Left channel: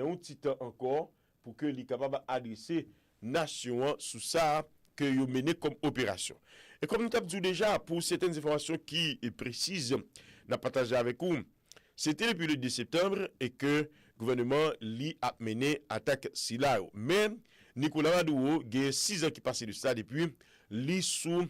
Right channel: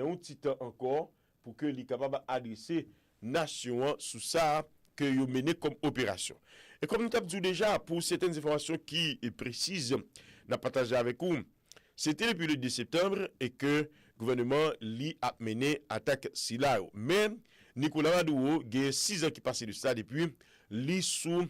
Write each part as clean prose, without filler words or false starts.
dans un petit temps encore pour que les capables adresser nation sous ça que yo mené comme opération. Et comme nous t'avons dit déjà, pour certaines informations qui est précises, n'a partagé avec vous, c'était depuis le 2 septembre et que le gouvernement a mené attaque Silao. Mais Nicolas Maduro, il y a 6 ans qui passent de ça depuis, li sous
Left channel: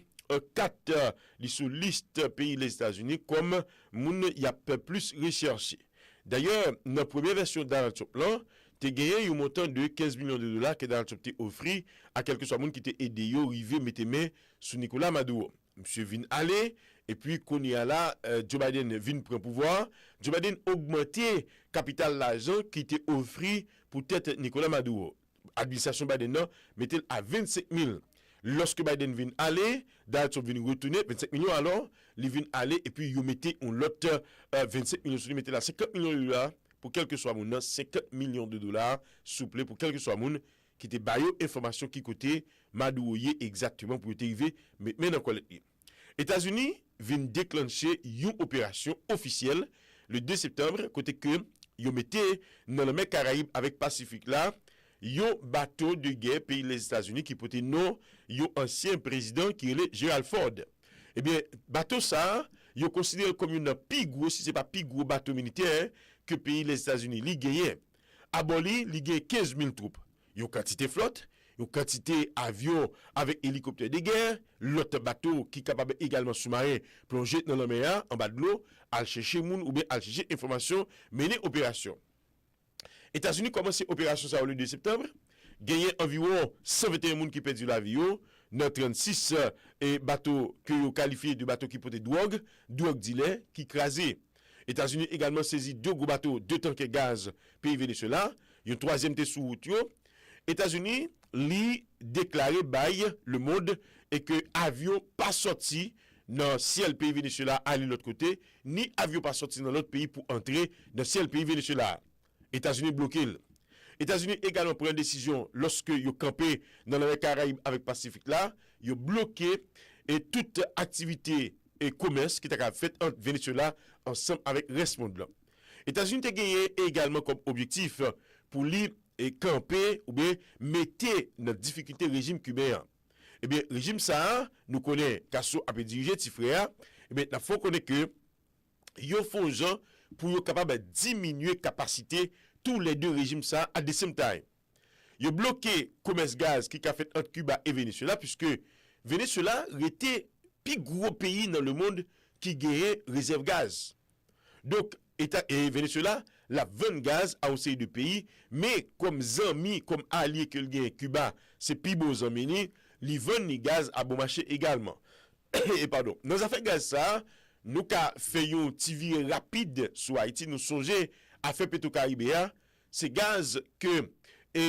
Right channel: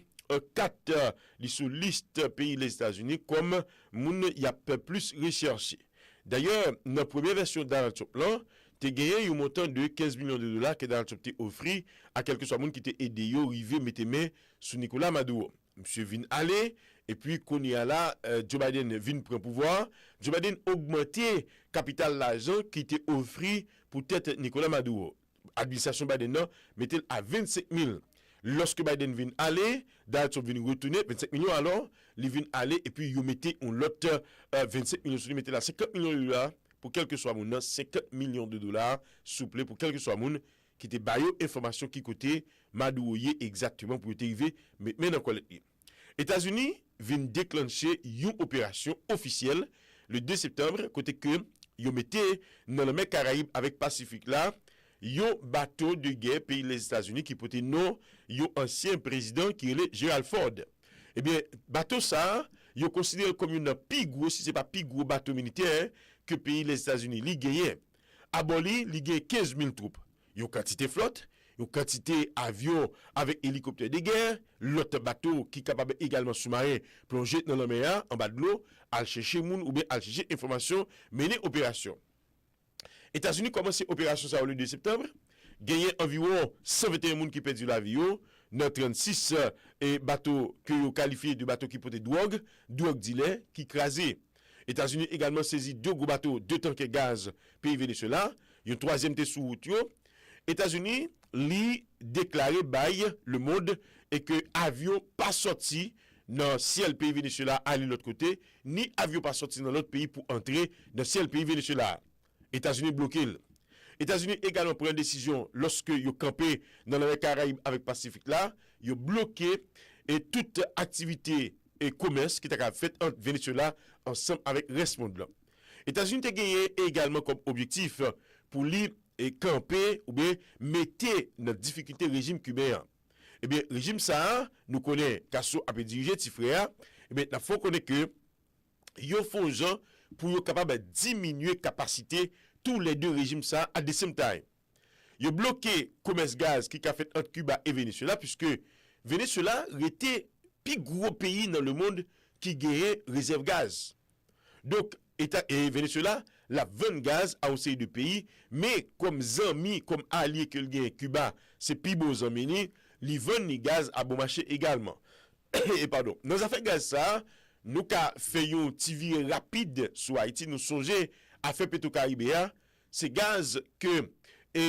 4 sous liste pays les États-Unis comme moun y a plus recherché. D'ailleurs, dans la première version Donald Trump là, tu gagné un montant de 15 millions de dollars que Donald Trump t'a offert à quelques soit moun qui t'a aidé yo rivé mettre main sur Nicolas Maduro. Monsieur vient aller et puis qu'on y a là Joe Biden vient prendre pouvoir, Joe Biden augmenter capital l'argent qui était offert pour tête Nicolas Maduro. Administration Biden non mettait à 25 000. Lorsque Biden vient aller, Donald Trump vient retourner 25 millions alors, il vient aller et puis il mettait un lot 25 millions, il mettait là 50 millions de dollars pour quel que soit mon 50 millions de dollars souple pour quel que soit mon qui était bayo information qui côté Maduro exactement pour arriver mais dans quoi États-Unis viennent déclencher une opération officielle le 2 septembre côté que yo mettait dans la mer Caraïbe avec Pacifique là yon bateau de guerre pays les États-Unis qui portait nom yon ancien président qui est Gerald Ford. Eh bien, bateau ça, yon considéré comme une plus gros, si c'est pas plus gros bateau militaire que pays les États-Unis li gagné. Aboli, li gagné 15 000 troupes. Yon quantité flotte, yon quantité avion avec hélicoptère de guerre, l'autre bateau qui capable également sous-marin plonger dans la mer en bas de l'eau, al chercher moun ou bien al chercher information, mener opération. États-Unis commencé opération ça le 2 septembre, gagné environ 121 personnes qui perdu la vie dans 36 bateaux que vous qualifiez de bateaux qui portaient drogue dealer qui crasé. États-Unis également saisi 2 gros bateaux, 2 tanks gaz pays Venezuela, un troisième té sous route. États-Unis li déclaré bail le monde et que avion pas sorti dans ciel pays Venezuela aller l'autre côté, ni avion pas sorti dans l'autre pays pour entrer dans ciel pays Venezuela. États-Unis bloqué. États-Unis également prend une décision lorsque ils campé dans la Caraïbe avec Pacifique là, ils bloqué et toute activité et commerce qui t'a fait entre Venezuela ensemble avec le reste monde blanc. États-Unis a gagné également comme objectif pour lui camper ou bien mettre notre difficulté régime cubain. Eh bien régime ça nous connaît Casso a dirigé petit frère, eh bien il faut connaître que yo font gens pour être capable de diminuer capacité tous les deux régimes ça à the same time. Yo bloqué commerce gaz qui a fait entre Cuba et Venezuela puisque Venezuela était plus gros pays dans le monde qui gagnait réserve gaz. Donc État et Venezuela la vend gaz à aussi de pays mais comme amis comme alliés que le gagne Cuba c'est plus beau amis li vend ni gaz à bon marché également. Et pardon, dans affaire gaz ça nous ka fait un TV rapide sur Haïti, nous songer à faire Petro-Caribéa, c'est gaz que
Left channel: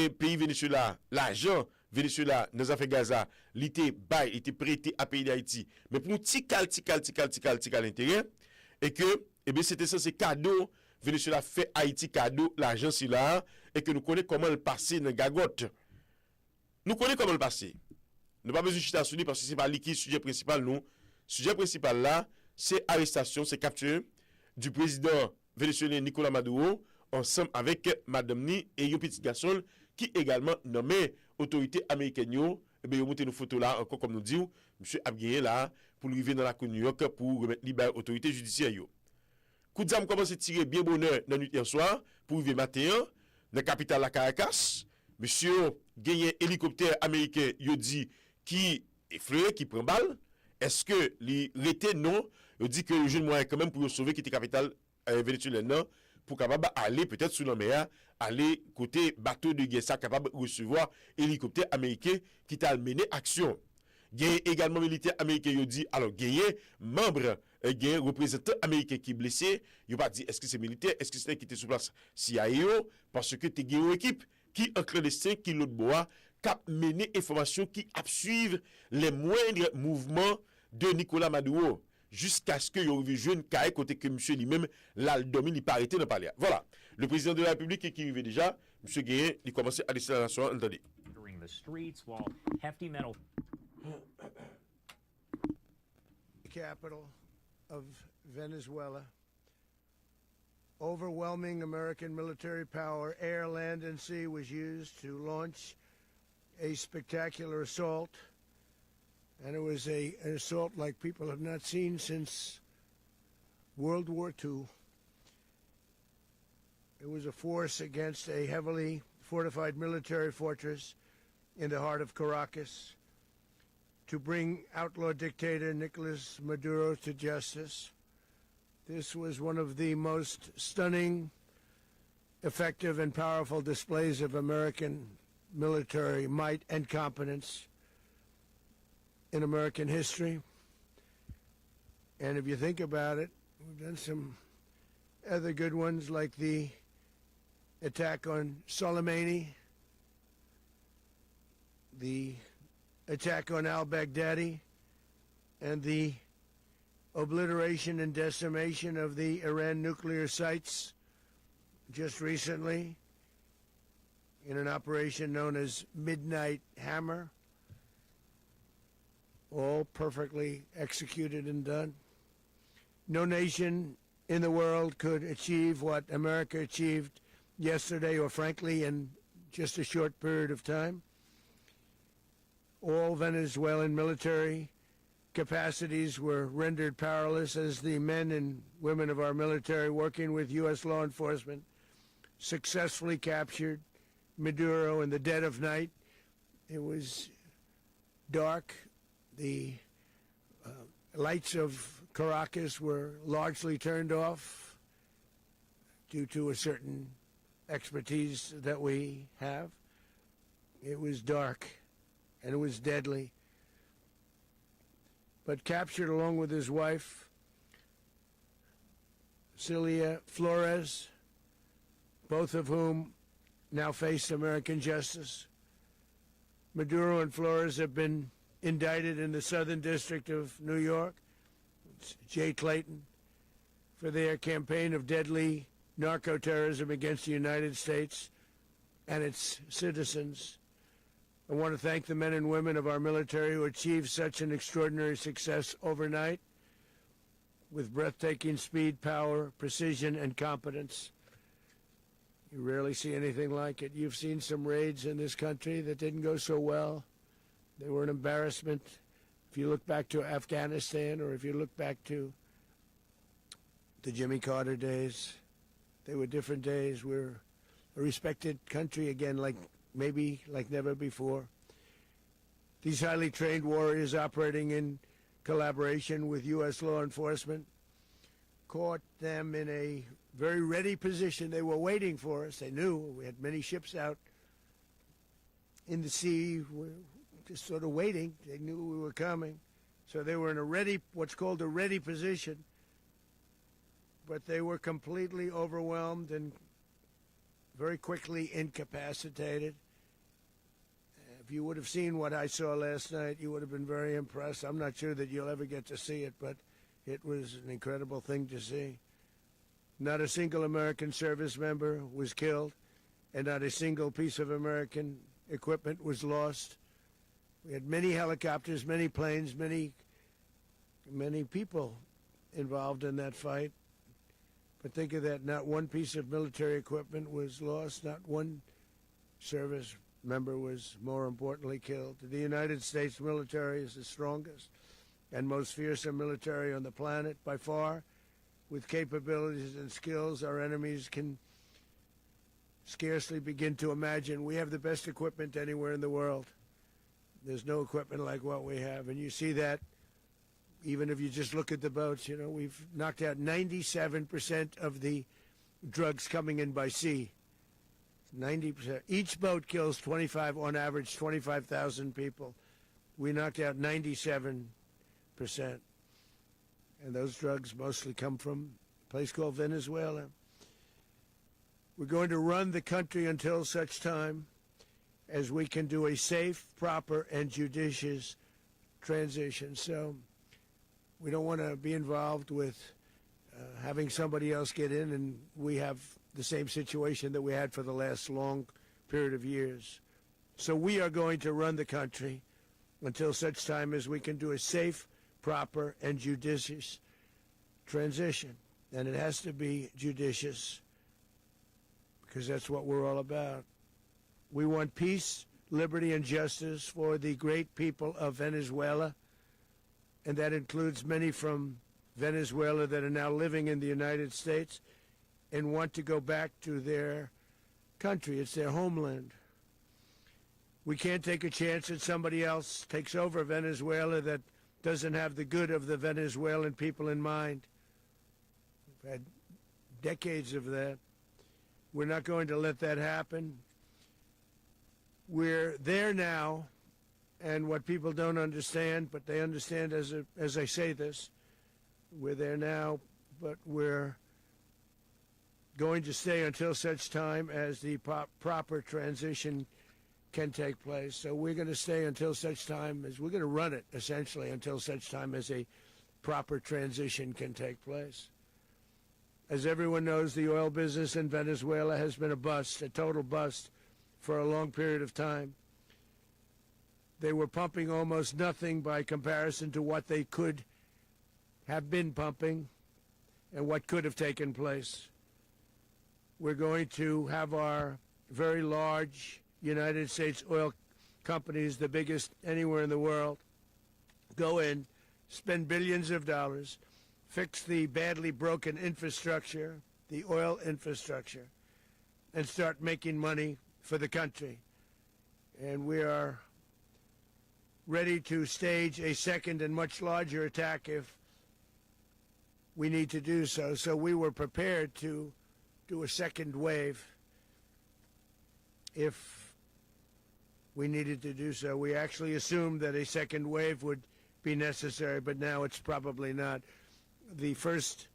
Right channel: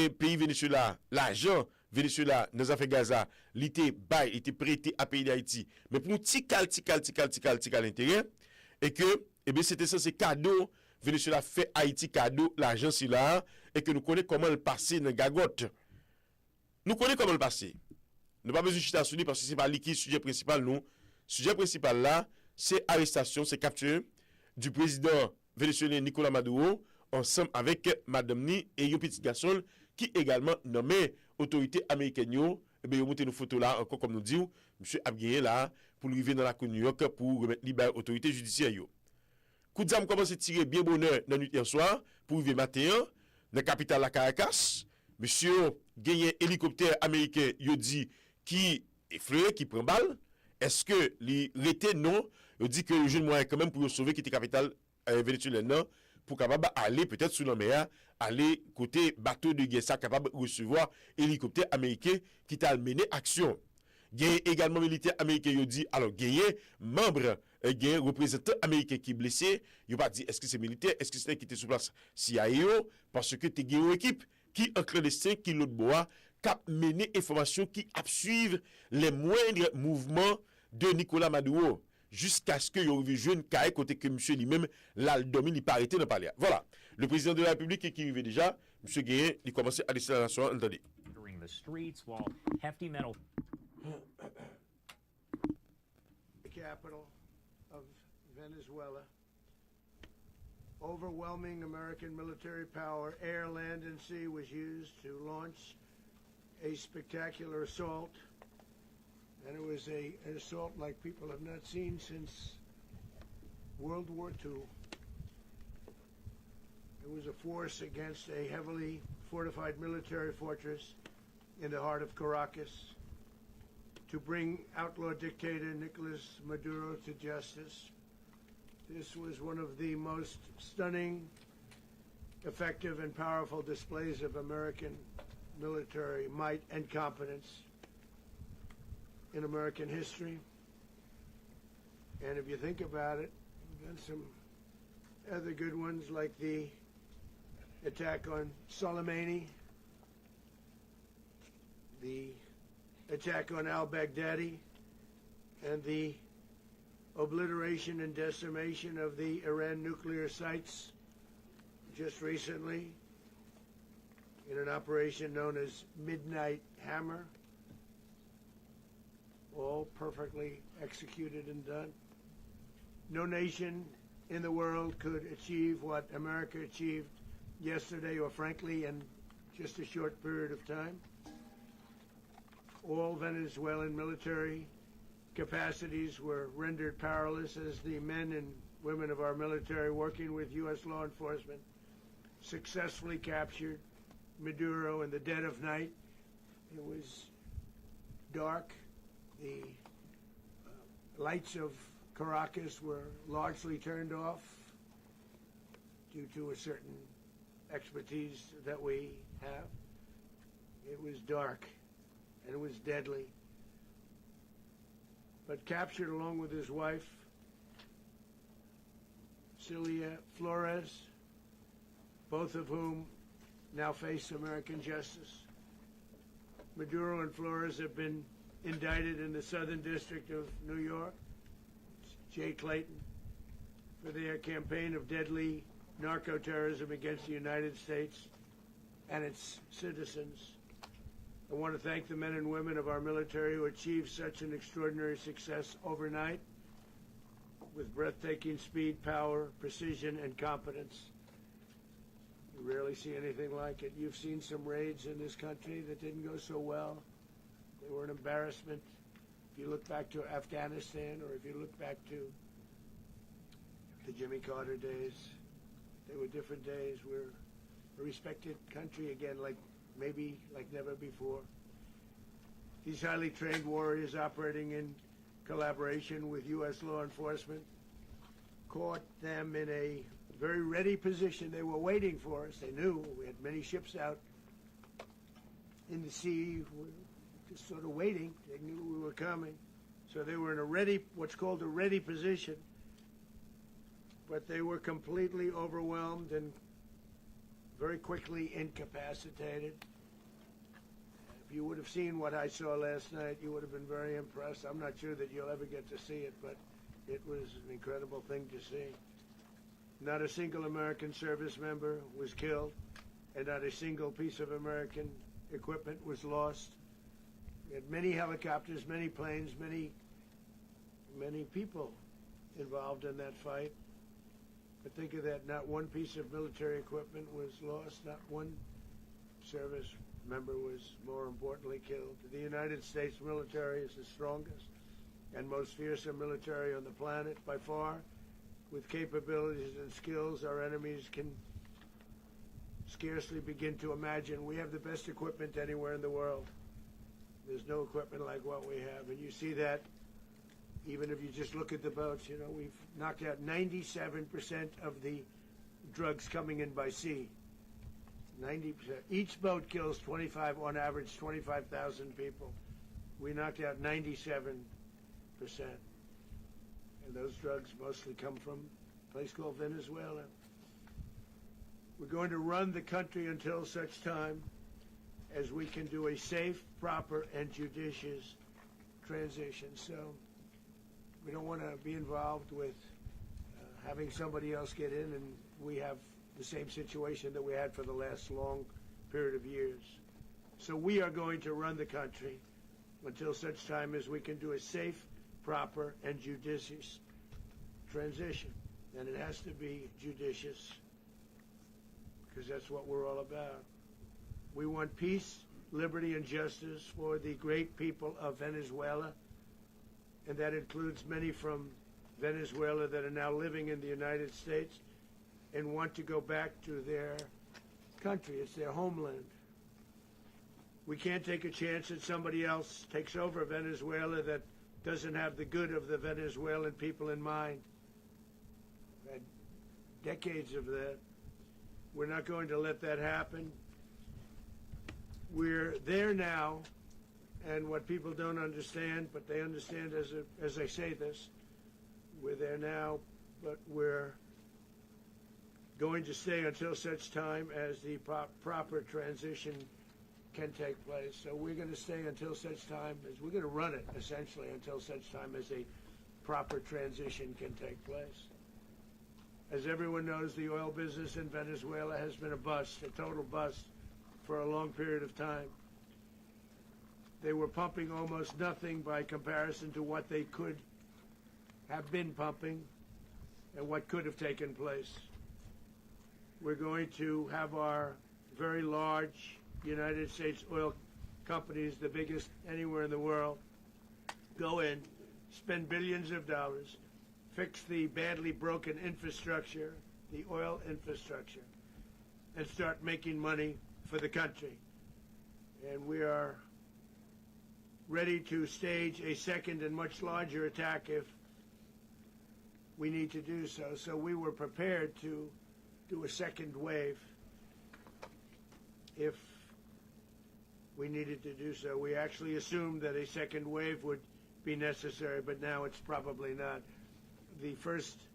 pays Venezuela, l'argent Venezuela dans affaire Gaza, l'été bail était prêté à pays d'Haïti, mais pour un petit cal intérêt et que bien c'était ça c'est cadeau Venezuela fait Haïti cadeau l'argent c'est là et que nous connaissons comment le passer dans gagotte. Nous connaissons comment le passer. Nous pas besoin de chita sur lui parce que c'est pas lui qui sujet principal nous. Sujet principal là c'est arrestation, c'est capture du président vénézuélien Nicolas Maduro ensemble avec Madame Ni et un petit garçon qui également nommé autorité américaine. Et bien, vous montrez nos photos là, encore comme nous disons, monsieur Abgué là, pour arriver dans la cour de New York pour remettre libre autorité judiciaire. Coup d'âme commence à tirer bien bonheur dans la nuit hier soir pour arriver matin dans la capitale la Caracas. Monsieur gagné hélicoptère américain, il dit qui effleuré, qui prend balle. Est-ce que les rétés non, il dit que le jeune moyen quand même pour sauver qui était capitale vénézuélienne pour capable aller peut-être sous la mer, aller côté bateau de guerre, ça capable de recevoir hélicoptère américain qui t'a mené action. Il y a également militaire américain il dit alors gagné membre gagné représentant américain qui est blessé, il pas dit est-ce que c'est militaire, est-ce que c'est qui était sur place CIA parce que tu gagné une équipe qui en clandestin qui l'autre bois cap mener information qui suivre les moindres mouvements de Nicolas Maduro jusqu'à ce que yo jeune caille côté que monsieur lui-même l'aldomi il pas arrêté de parler. Voilà, le président de la République qui arrivait déjà, monsieur Guérin, il commençait à laisser la nation entendre. The streets while hefty metal capital of Venezuela. Overwhelming American military power, air, land, presidency was used to launch a spectacular assault, and it was an assault like people have not seen since World War II. It was a force against a heavily fortified military fortress in the heart of Caracas to bring outlaw dictator Nicolas Maduro to justice. This was one of the most stunning, effective, and powerful displays of American military might and competence in American history. And if you think about it, we've done some other good ones, like the attack on Soleimani, the attack on al-Baghdadi, and the obliteration and decimation of the Iran nuclear sites just recently in an operation known as Midnight Hammer, all perfectly executed and done. No nation in the world could achieve what America achieved yesterday, or frankly in just a short period of time. All Venezuelan military capacities were rendered powerless as the men and women of our military, working with U.S. law enforcement, successfully captured Maduro in the dead of night. It was dark. The lights of Caracas were largely turned off due to a certain expertise that we have. It was dark and it was deadly. But captured along with his wife, Celia Flores, both of whom now face American justice. Maduro and Flores have been indicted in the Southern District of New York, Jay Clayton, for their campaign of deadly narco-terrorism against the United States and its citizens. I want to thank the men and women of our military who achieved such an extraordinary success overnight with breathtaking speed, power, precision, and competence. You rarely see anything like it. You've seen some raids in this country that didn't go so well. They were an embarrassment. If you look back to Afghanistan, or if you look back to the Jimmy Carter days, they were different days. We're a respected country again, maybe like never before. These highly trained warriors, operating in collaboration with U.S. law enforcement, caught them in a very ready position. They were waiting for us. They knew we had many ships out in the sea, just sort of waiting. They knew we were coming. So they were in a ready, what's called a ready position. But they were completely overwhelmed and very quickly incapacitated. If you would have seen what I saw last night, you would have been very impressed. I'm not sure that you'll ever get to see it, but it was an incredible thing to see. Not a single American service member was killed, and not a single piece of American equipment was lost. We had many helicopters, many planes, many people involved in that fight. But think of that, not one piece of military equipment was lost, not one service member was, more importantly, killed. The United States military is the strongest and most fearsome military on the planet by far, with capabilities and skills our enemies can scarcely begin to imagine. We have the best equipment anywhere in the world. There's no equipment like what we have, and you see that even if you just look at the boats. You know, we've knocked out 97% of the drugs coming in by sea. 90%. Each boat kills 25, on average, 25,000 people. We knocked out 97%. And those drugs mostly come from a place called Venezuela. We're going to run the country until such time as we can do a safe, proper, and judicious transition. So we don't want to be involved with having somebody else get in, and we have the same situation that we had for the last long period of years. So we are going to run the country until such time as we can do a safe, proper, and judicious transition. And it has to be judicious, because that's what we're all about. We want peace, liberty, and justice for the great people of Venezuela, and that includes many from Venezuela that are now living in the United States and want to go back to their country. It's their homeland. We can't take a chance that somebody else takes over Venezuela that doesn't have the good of the Venezuelan people in mind. We've had decades of that. We're not going to let that happen. We're there now, and what people don't understand, but they understand as I say this, we're there now, but we're going to stay until such time as the proper transition can take place. So we're going to stay until such time as, we're going to run it essentially until such time as a proper transition can take place. As everyone knows, the oil business in Venezuela has been a bust, a total bust, for a long period of time. They were pumping almost nothing by comparison to what they could have been pumping and what could have taken place. We're going to have our very large United States oil companies, the biggest anywhere in the world, go in, spend billions of dollars, fix the badly broken infrastructure, the oil infrastructure, and start making money for the country. And we are ready to stage a second and much larger attack if we need to do so. So we were prepared to do a second wave if we needed to do so. We actually assumed that a second wave would be necessary, but now it's probably not. The first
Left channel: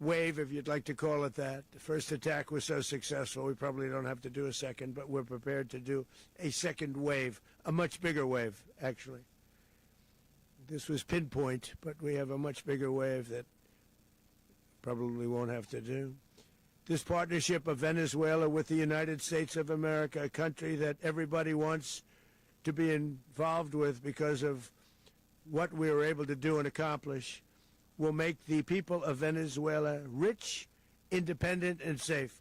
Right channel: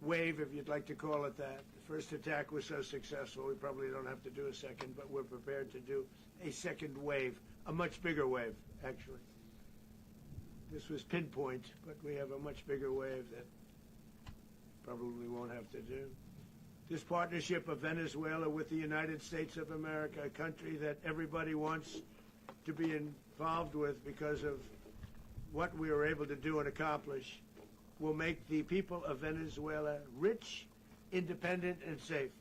wave, if you'd like to call it that, the first attack was so successful, we probably don't have to do a second, but we're prepared to do a second wave, a much bigger wave, actually. This was pinpoint, but we have a much bigger wave that probably won't have to do. This partnership of Venezuela with the United States of America, a country that everybody wants to be involved with because of what we were able to do and accomplish, will make the people of Venezuela rich, independent, and safe.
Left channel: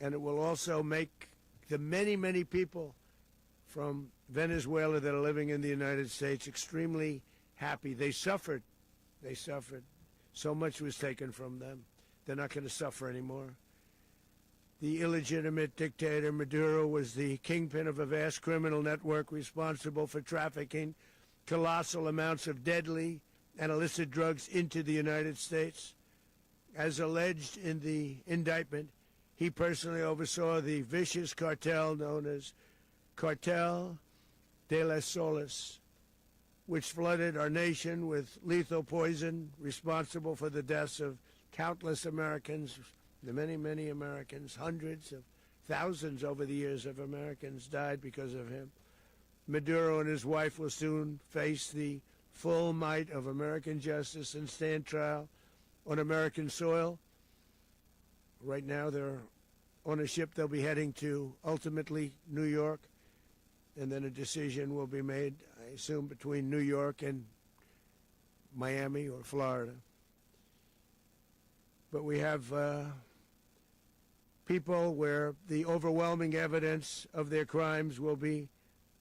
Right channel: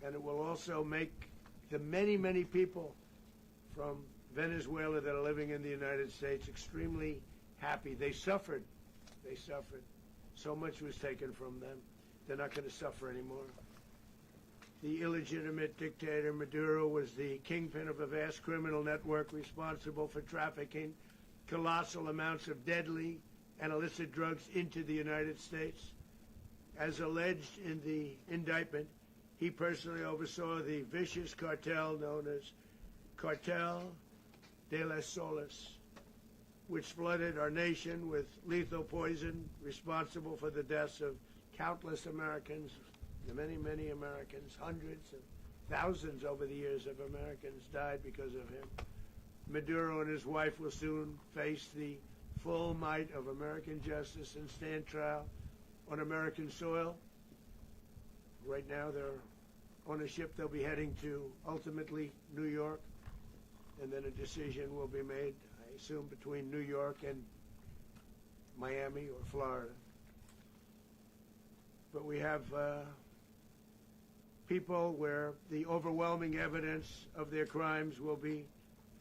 And it will also make the many, many people from Venezuela that are living in the United States extremely happy. They suffered. They suffered. So much was taken from them. They're not going to suffer anymore. The illegitimate dictator Maduro was the kingpin of a vast criminal network responsible for trafficking colossal amounts of deadly and illicit drugs into the United States. As alleged in the indictment, he personally oversaw the vicious cartel known as Cartel de las Solas, which flooded our nation with lethal poison responsible for the deaths of countless Americans, the many, many Americans. Hundreds of thousands over the years of Americans died because of him. Maduro and his wife will soon face the full might of American justice and stand trial on American soil. Right now they're on a ship. They'll be heading to ultimately New York, and then a decision will be made, I assume, between New York and Miami or Florida. But we have people where the overwhelming evidence of their crimes will be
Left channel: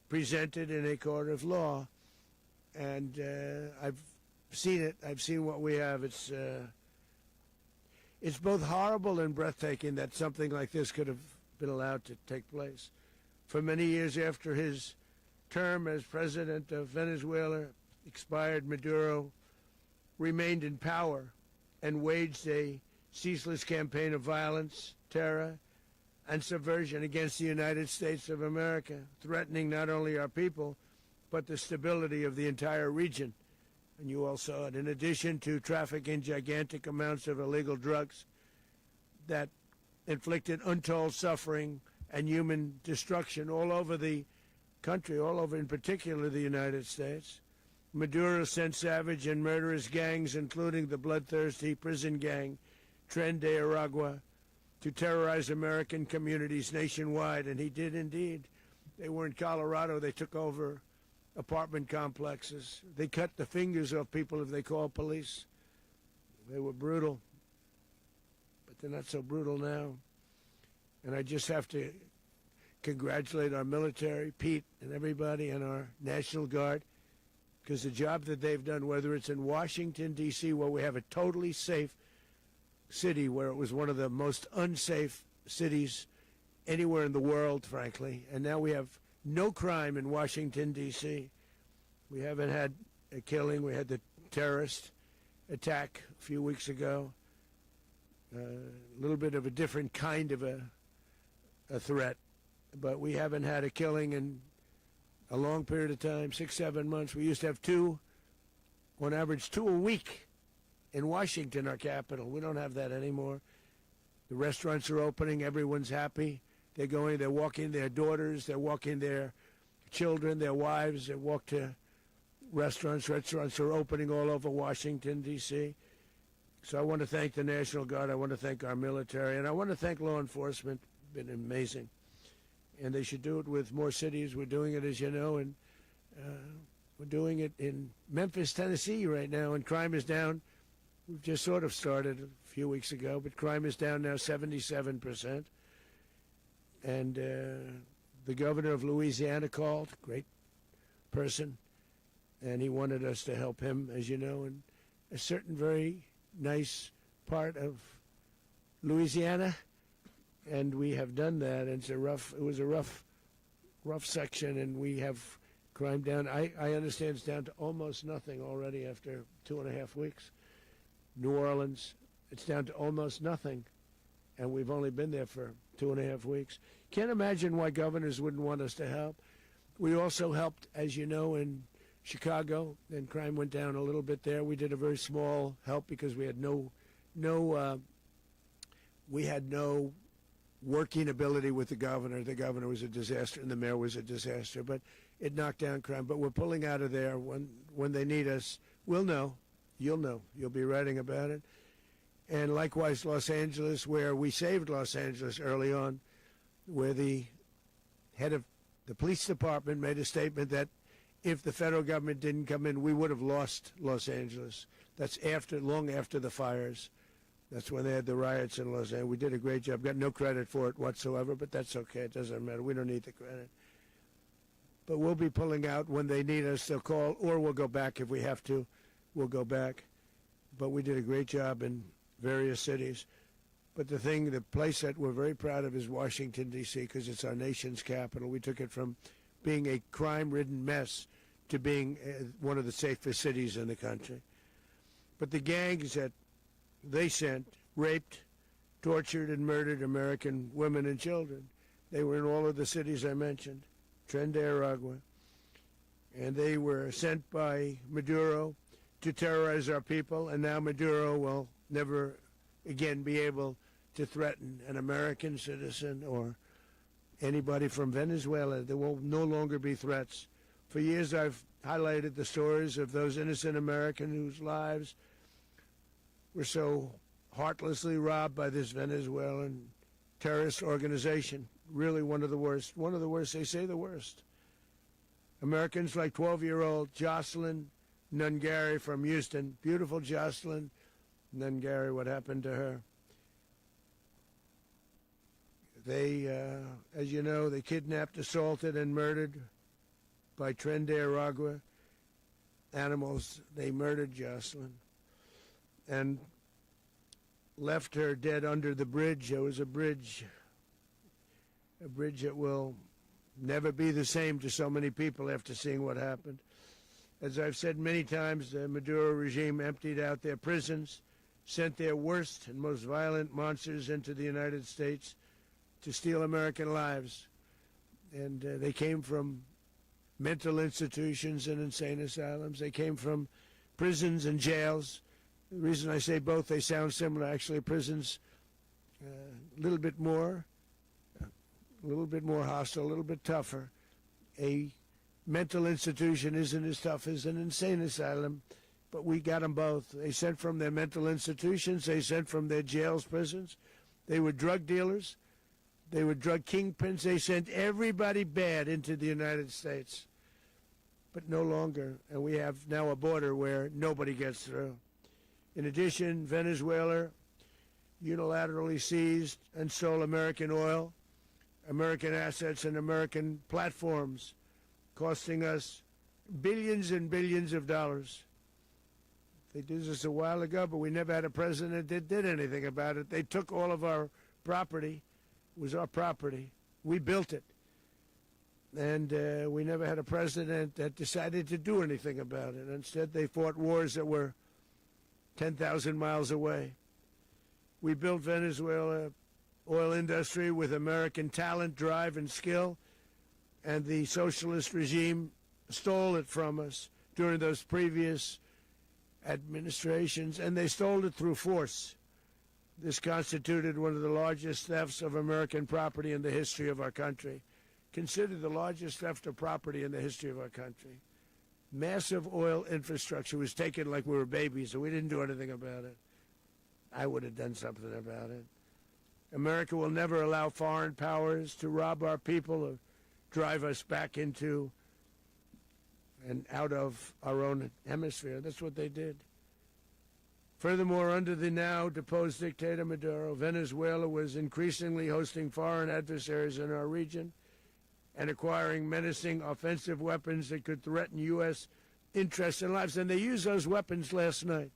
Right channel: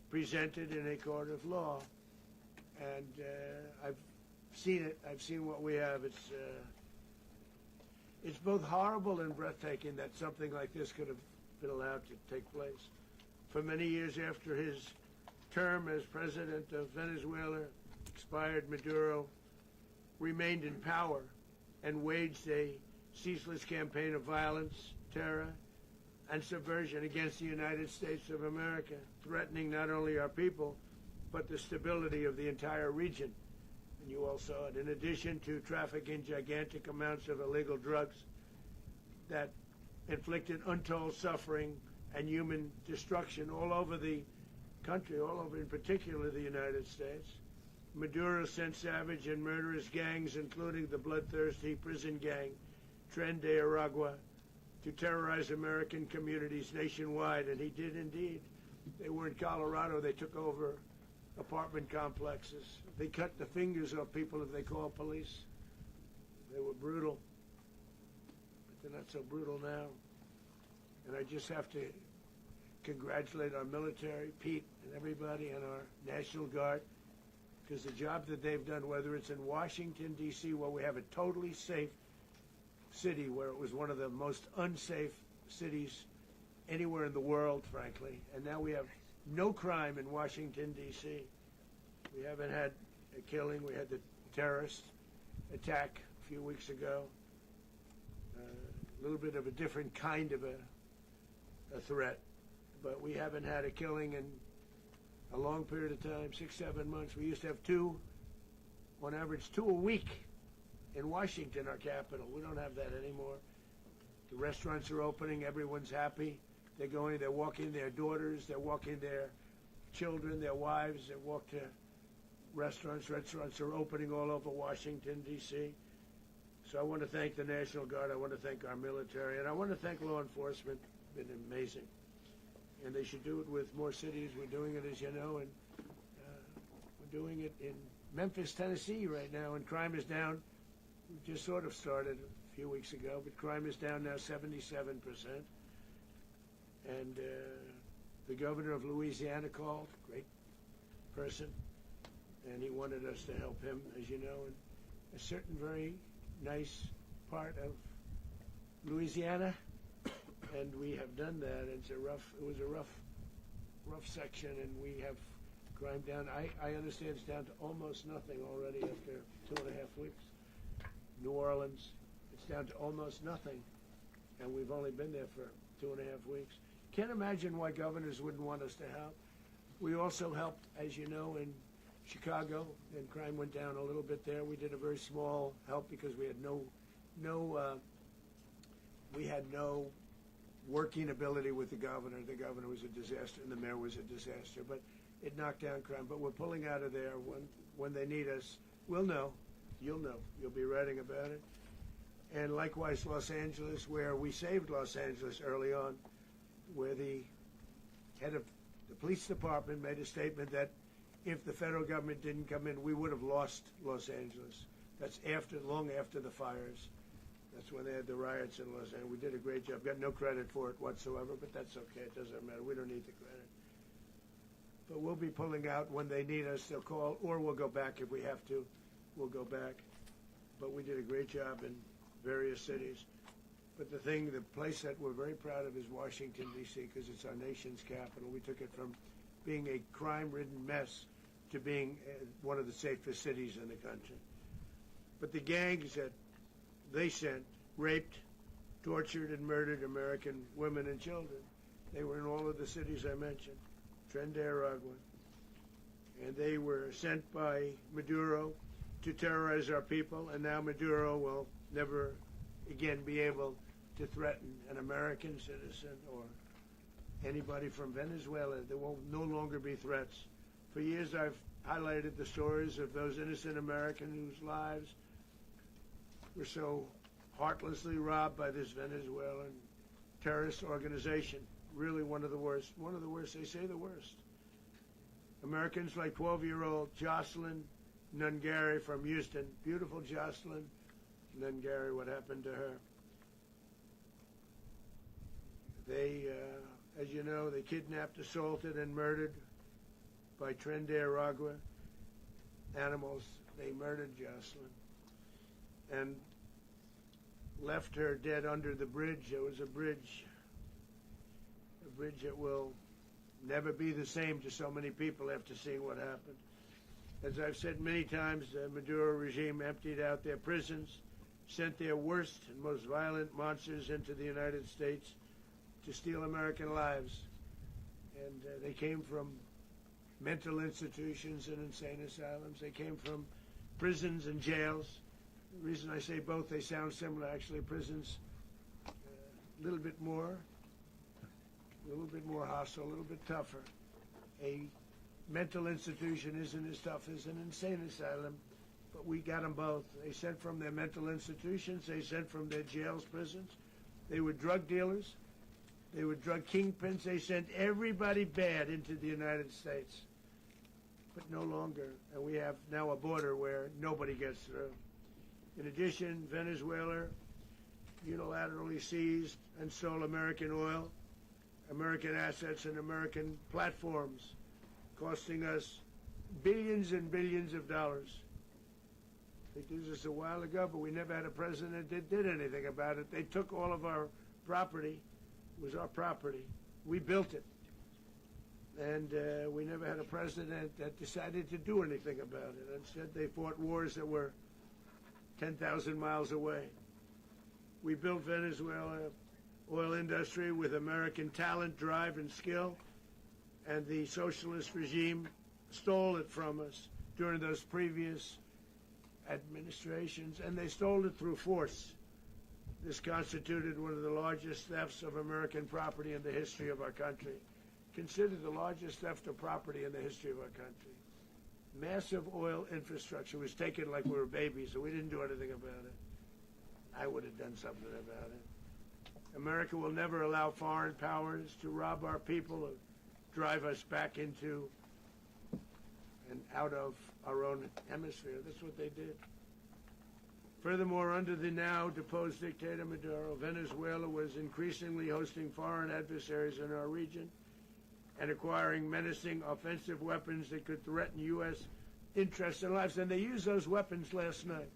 presented in a court of law. And I've seen it. I've seen what we have. It's both horrible and breathtaking that something like this could have been allowed to take place. For many years after his term as president of Venezuela expired, Maduro remained in power and waged a ceaseless campaign of violence, terror, and subversion against the United States of America, threatening not only our people, but the stability of the entire region. And you all saw it. In addition to trafficking gigantic amounts of illegal drugs that inflicted untold suffering and human destruction all over the country, all over in particular the United States, Maduro sent savage and murderous gangs, including the bloodthirsty prison gang Tren de Aragua, to terrorize American communities nationwide. And he did indeed. They were in Colorado. They took over apartment complexes. They cut the fingers off people if they called police. They were brutal, but they're not so brutal now. And I just have to congratulate our military, Pete and everybody, and our National Guard, because the job that they've done, whether it's in Washington, D.C., where we have a totally safe city, where it was one of the most unsafe cities anywhere in the world, frankly, and now we have no crime in Washington, D.C. We haven't had a killing. We had the terrorist attack a few weeks ago. A little bit of a different kind of a threat, but we haven't had a killing in a long period of time, 6, 7 months. We used to have two, on average, 2 a week in Washington, our capital. We don't have that anymore. The restaurants are opening. Everyone's happy. They're going, they're walking their daughters, they're walking their children, their wives, they walk to restaurants. Restaurants are opening all over Washington, D.C. So I want to thank the National Guard. I want to thank our military. And I want to thank law enforcement. It's been amazing. And they should do it with more cities. We're doing it, as you know, and we're doing it in Memphis, Tennessee right now, and crime is down. We've just sort of started a few weeks ago, but crime is down now 77%. And the governor of Louisiana called, great person, and he wanted us to help him, as you know, in a certain very nice part of Louisiana, and we have done that. It was a rough section, and we have crime down. I understand it's down to almost nothing already after 2.5 weeks. New Orleans, it's down to almost nothing, and we've only been there for 2.5 weeks. Can't imagine why governors wouldn't want us to help. We also helped, as you know, in Chicago, and crime went down a little bit there. We did a very small help because we had no working ability with the governor. The governor was a disaster, and the mayor was a disaster. But it knocked down crime. But we're pulling out of there when they need us. We'll know. You'll know. You'll be writing about it. And likewise, Los Angeles, where we saved Los Angeles early on, where the head of the police department made a statement that if the federal government didn't come in, we would have lost Los Angeles. That's long after the fires. That's when they had the riots in Los Angeles. We did a great job. Got no credit for it whatsoever, but that's okay. It doesn't matter. We don't need the credit. But we'll be pulling out when they need us. They'll call, or we'll go back if we have to. We'll go back. But we did a great job in various cities. But the place that we're very proud of is Washington, D.C., because it's our nation's capital. We took it from being a crime-ridden mess to being one of the safest cities in the country. But the gangs that they sent raped, tortured, and murdered American women and children. They were in all of the cities I mentioned, Tren de Aragua. And they were sent by Maduro to terrorize our people, and now Maduro will never again be able to threaten an American citizen or anybody from Venezuela. There will no longer be threats. For years I've highlighted the stories of those innocent Americans whose lives were so heartlessly robbed by this Venezuelan terrorist organization. Really one of the worst. One of the worst, they say the worst. Americans like 12-year-old Jocelyn Nungary from Houston. Beautiful Jocelyn Nungary, what happened to her? They, as you know, they kidnapped, assaulted, and murdered by Tren de Aragua animals. They murdered Jocelyn and left her dead under the bridge. There was a bridge that will never be the same to so many people after seeing what happened. As I've said many times, the Maduro regime emptied out their prisons, sent their worst and most violent monsters into the United States to steal American lives. And they came from mental institutions and insane asylums. They came from prisons and jails. The reason I say both, they sound similar. Actually, prisons a little bit more hostile, a little bit tougher. A mental institution isn't as tough as an insane asylum, but we got them both. They sent from their mental institutions. They sent from their jails, prisons. They were drug dealers. They were drug kingpins. They sent everybody bad into the United States, but no longer. And we have now a border where nobody gets through. In addition, Venezuela unilaterally seized and sold American oil. American assets and American platforms, costing us billions and billions of dollars. They did this a while ago, but we never had a president that did anything about it. They took all of our property. It was our property. We built it. And we never had a president that decided to do anything about it. Instead, they fought wars that were 10,000 miles away. We built Venezuela oil industry with American talent, drive, and skill, and the socialist regime stole it from us during those previous administrations, and they stole it through force. This constituted one of the largest thefts of American property in the history of our country. Considered the largest theft of property in the history of our country. Massive oil infrastructure was taken like we were babies, and we didn't do anything about it. I would have done something about it. America will never allow foreign powers to rob our people or drive us back into and out of our own hemisphere. That's what they did. Furthermore, under the now deposed dictator Maduro, Venezuela was increasingly hosting foreign adversaries in our region and acquiring menacing offensive weapons that could threaten U.S. interests and lives. And they used those weapons last night.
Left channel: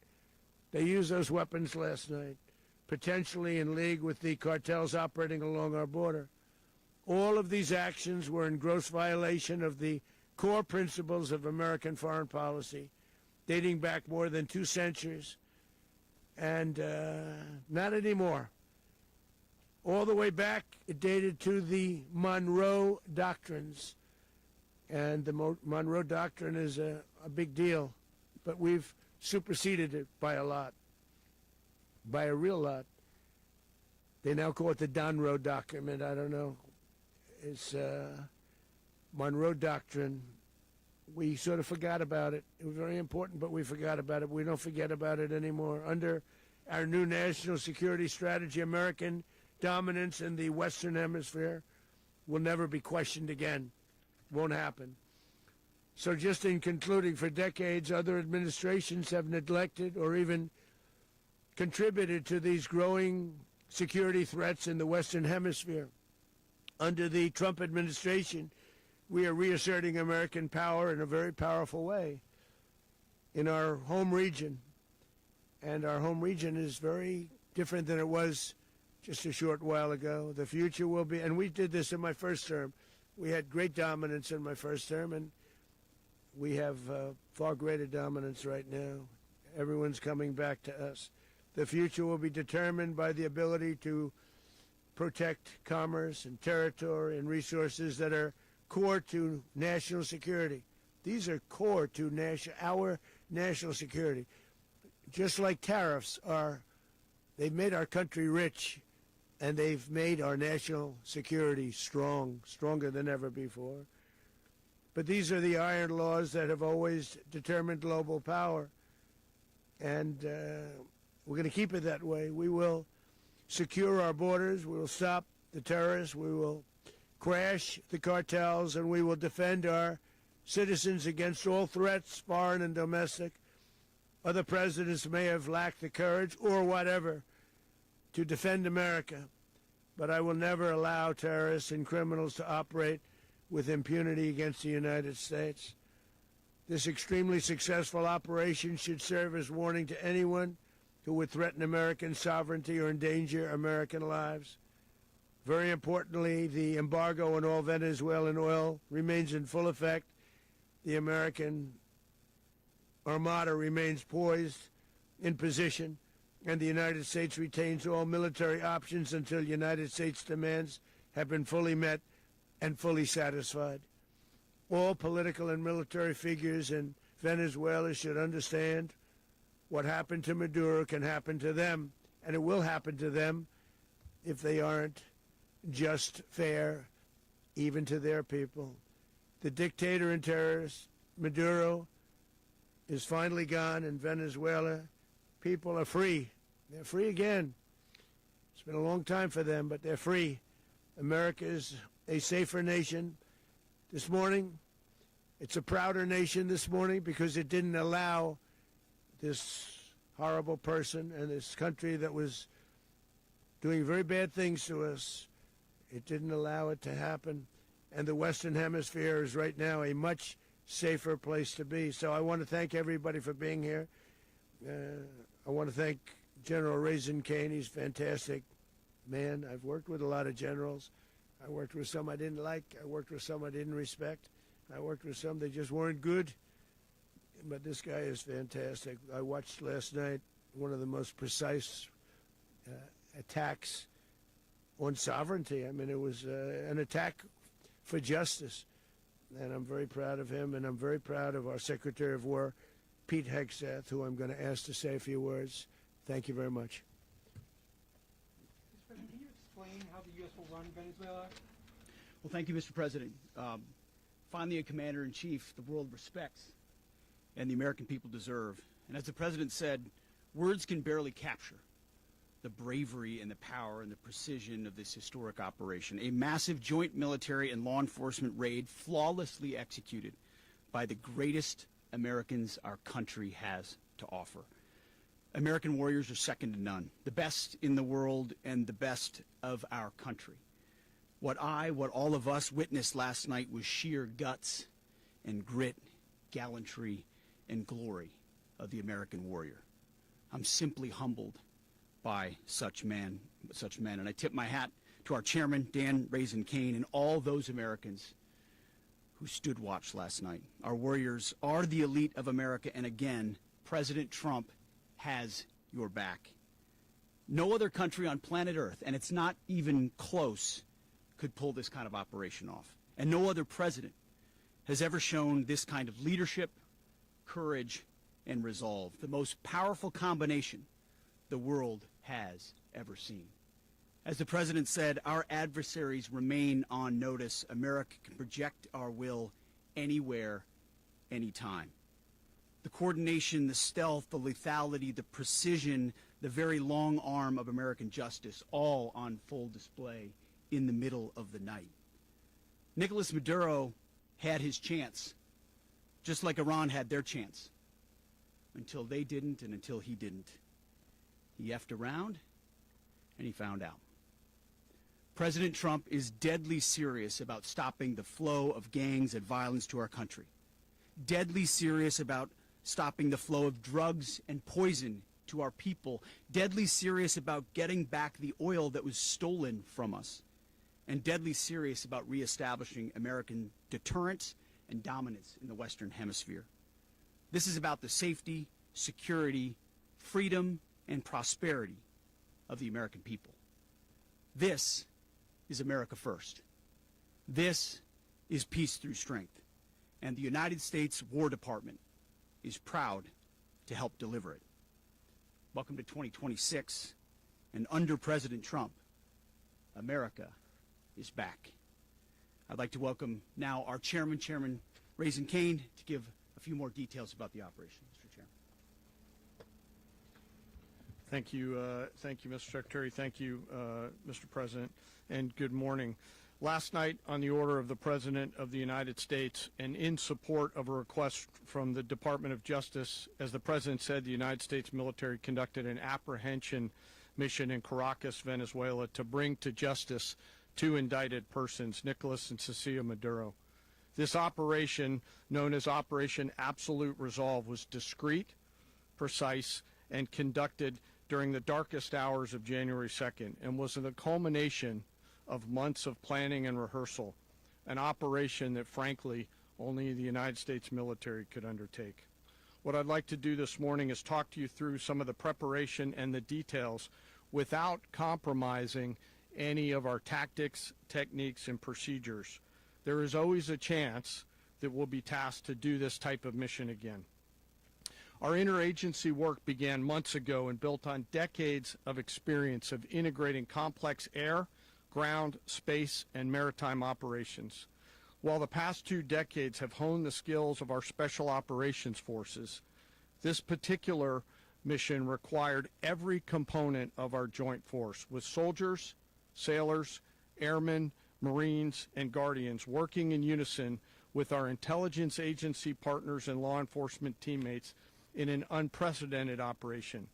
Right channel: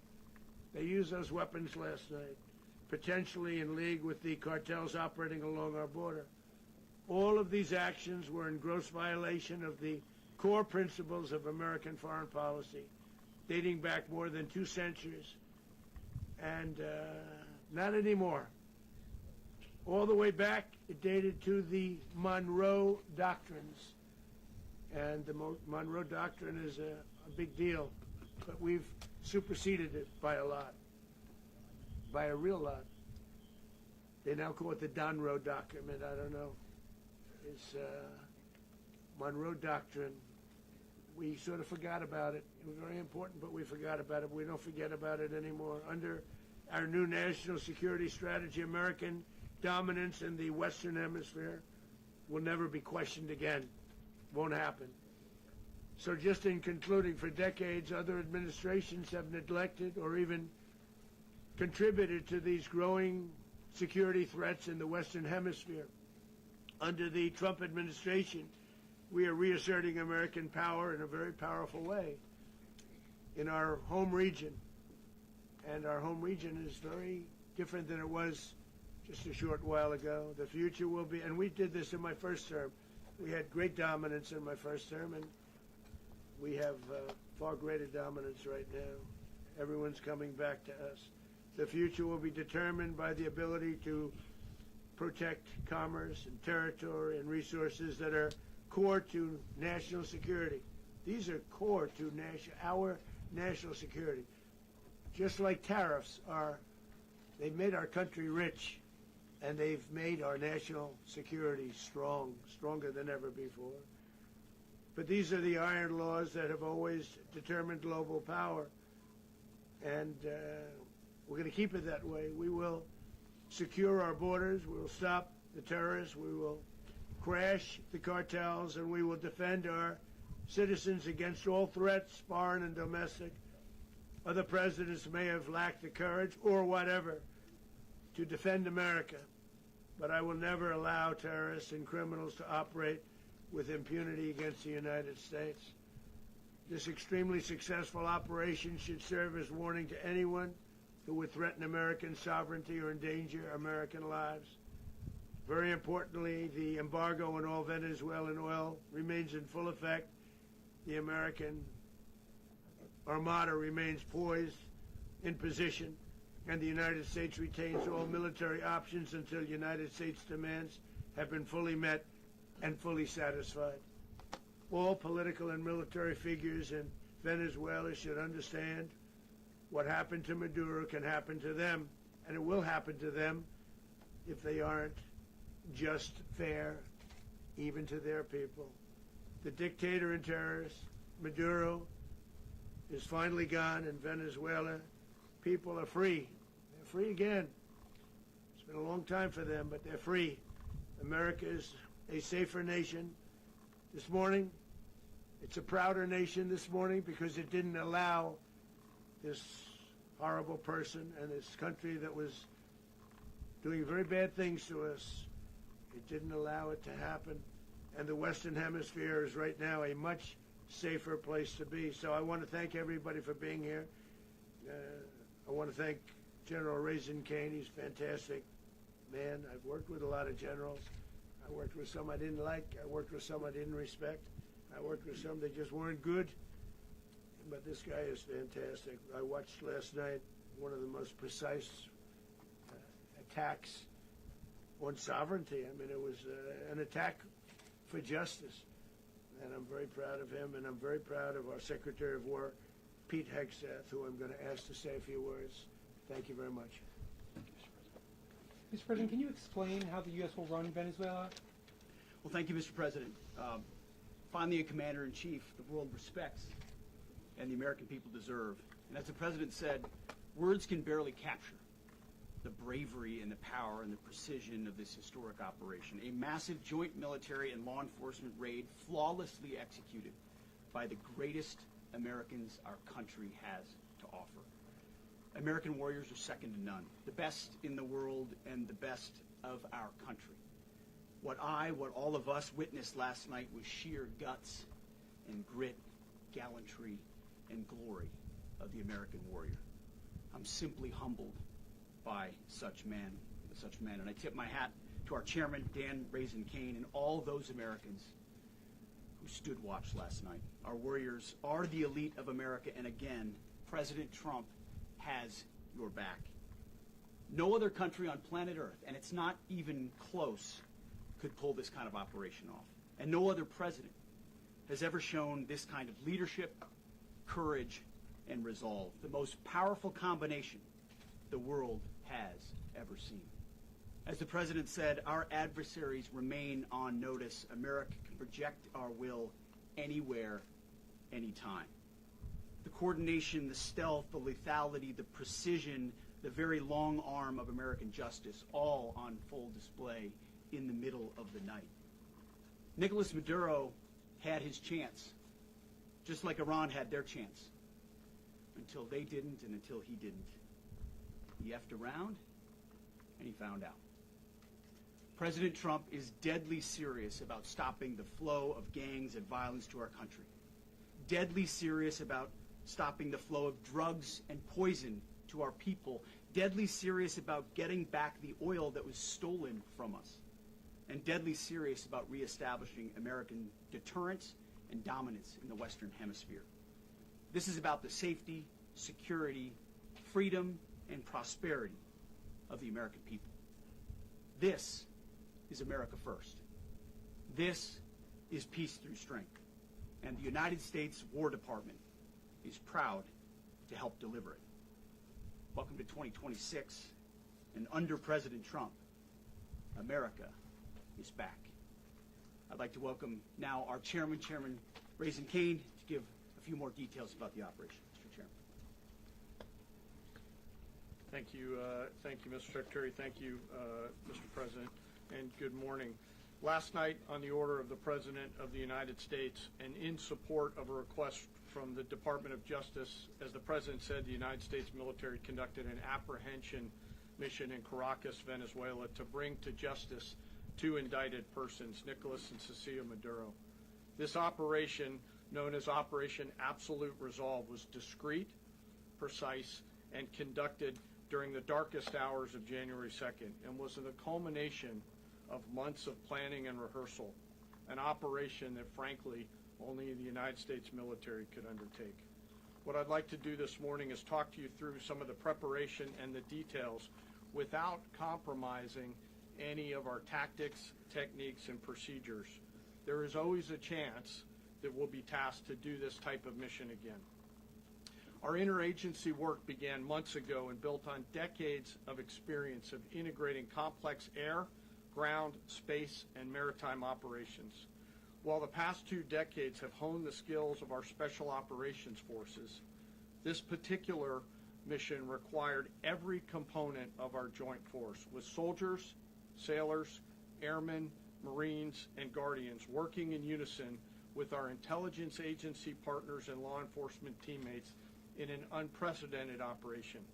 Potentially in league with the cartels operating along our border. All of these actions were in gross violation of the core principles of American foreign policy, dating back more than 2 centuries, and not anymore. All the way back, it dated to the Monroe Doctrines, and the Monroe Doctrine is a big deal, but we've superseded it by a lot, by a real lot. They now call it the Monroe Document. I don't know. It's Monroe Doctrine. We sort of forgot about it. It was very important, but we forgot about it. We don't forget about it anymore. Under our new national security strategy, American dominance in the Western Hemisphere will never be questioned again. Won't happen. So just in concluding, for decades, other administrations have neglected or even contributed to these growing security threats in the Western Hemisphere. Under the Trump administration, we are reasserting American power in a very powerful way in our home region. And our home region is very different than it was just a short while ago. The future will be, and we did this in my first term. We had great dominance in my first term, and we have far greater dominance right now. Everyone's coming back to us. The future will be determined by the ability to protect commerce and territory and resources that are core to national security. These are core to our national security. Just like tariffs are, they've made our country rich, and they've made our national security strong, stronger than ever before. But these are the iron laws that have always determined global power. And we're going to keep it that way. We will secure our borders. We will stop the terrorists. We will crash the cartels, and we will defend our citizens against all threats, foreign and domestic. Other presidents may have lacked the courage or whatever to defend America, but I will never allow terrorists and criminals to operate with impunity against the United States. This extremely successful operation should serve as warning to anyone who would threaten American sovereignty or endanger American lives. Very importantly, the embargo on all Venezuelan oil remains in full effect. The American Armada remains poised in position, and the United States retains all military options until United States demands have been fully met and fully satisfied. All political and military figures in Venezuela should understand what happened to Maduro can happen to them, and it will happen to them if they aren't just fair even to their people. The dictator and terrorist, Maduro, is finally gone in Venezuela. People are free. They're free again. It's been a long time for them, but they're free. America is a safer nation this morning. It's a prouder nation this morning because it didn't allow this horrible person and this country that was doing very bad things to us It didn't allow it to happen. And the Western Hemisphere is right now a much safer place to be. So I want to thank everybody for being here. I want to thank General Raisin Kane. He's a fantastic man. I've worked with a lot of generals. I worked with some I didn't like. I worked with some I didn't respect. I worked with some that just weren't good. But this guy is fantastic. I watched last night one of the most precise attacks on sovereignty. I mean, it was an attack for justice. And I'm very proud of him, and I'm very proud of our Secretary of War, Pete Hegseth, who I'm going to ask to say a few words. Thank you very much. Mr. President, can you explain how the U.S. will run Venezuela? Well, thank you, Mr. President. Finally, a commander-in-chief the world respects and the American people deserve. And as the President said, words can barely capture the bravery and the power and the precision of this historic operation. A massive joint military and law enforcement raid flawlessly executed by the greatest Americans our country has to offer. American warriors are second to none, the best in the world and the best of our country. What all of us witnessed last night was sheer guts and grit, gallantry, and glory of the American warrior. I'm simply humbled by such men, and I tip my hat to our chairman, Dan Raisin Kane, and all those Americans who stood watch last night. Our warriors are the elite of America, and again, President Trump has your back. No other country on planet Earth, and it's not even close, could pull this kind of operation off. And no other president has ever shown this kind of leadership, courage, and resolve. The most powerful combination the world has ever seen. As the President said, our adversaries remain on notice. America can project our will anywhere, anytime. The coordination, the stealth, the lethality, the precision, the very long arm of American justice, all on full display in the middle of the night. Nicolas Maduro had his chance, just like Iran had their chance, until they didn't and until he didn't. He effed around, and he found out. President Trump is deadly serious about stopping the flow of gangs and violence to our country. Deadly serious about stopping the flow of drugs and poison to our people. Deadly serious about getting back the oil that was stolen from us. And deadly serious about reestablishing American deterrence and dominance in the Western Hemisphere. This is about the safety, security, freedom, and prosperity of the American people. This is America first. This is peace through strength. And the United States War Department is proud to help deliver it. Welcome to 2026, and under President Trump, America is back. I'd like to welcome now our chairman, Chairman Raisin Kane, to give a few more details about the operation. Mr. Chairman. Thank you, Mr. Secretary. Thank you, Mr. President, and good morning. Last night, on the order of the President of the United States and in support of a request from the Department of Justice, as the President said, the United States military conducted an apprehension mission in Caracas, Venezuela, to bring to justice two indicted persons, Nicolas and Cecilia Maduro. This operation, known as Operation Absolute Resolve, was discreet, precise, and conducted during the darkest hours of January 2nd and was the culmination of months of planning and rehearsal, an operation that, frankly, only the United States military could undertake. What I'd like to do this morning is talk to you through some of the preparation and the details without compromising any of our tactics, techniques, and procedures. There is always a chance that we'll be tasked to do this type of mission again. Our interagency work began months ago and built on decades of experience of integrating complex air, ground, space, and maritime operations. While the past 2 decades have honed the skills of our special operations forces, this particular mission required every component of our joint force, with soldiers, sailors, airmen, Marines, and Guardians working in unison with our intelligence agency partners and law enforcement teammates in an unprecedented operation.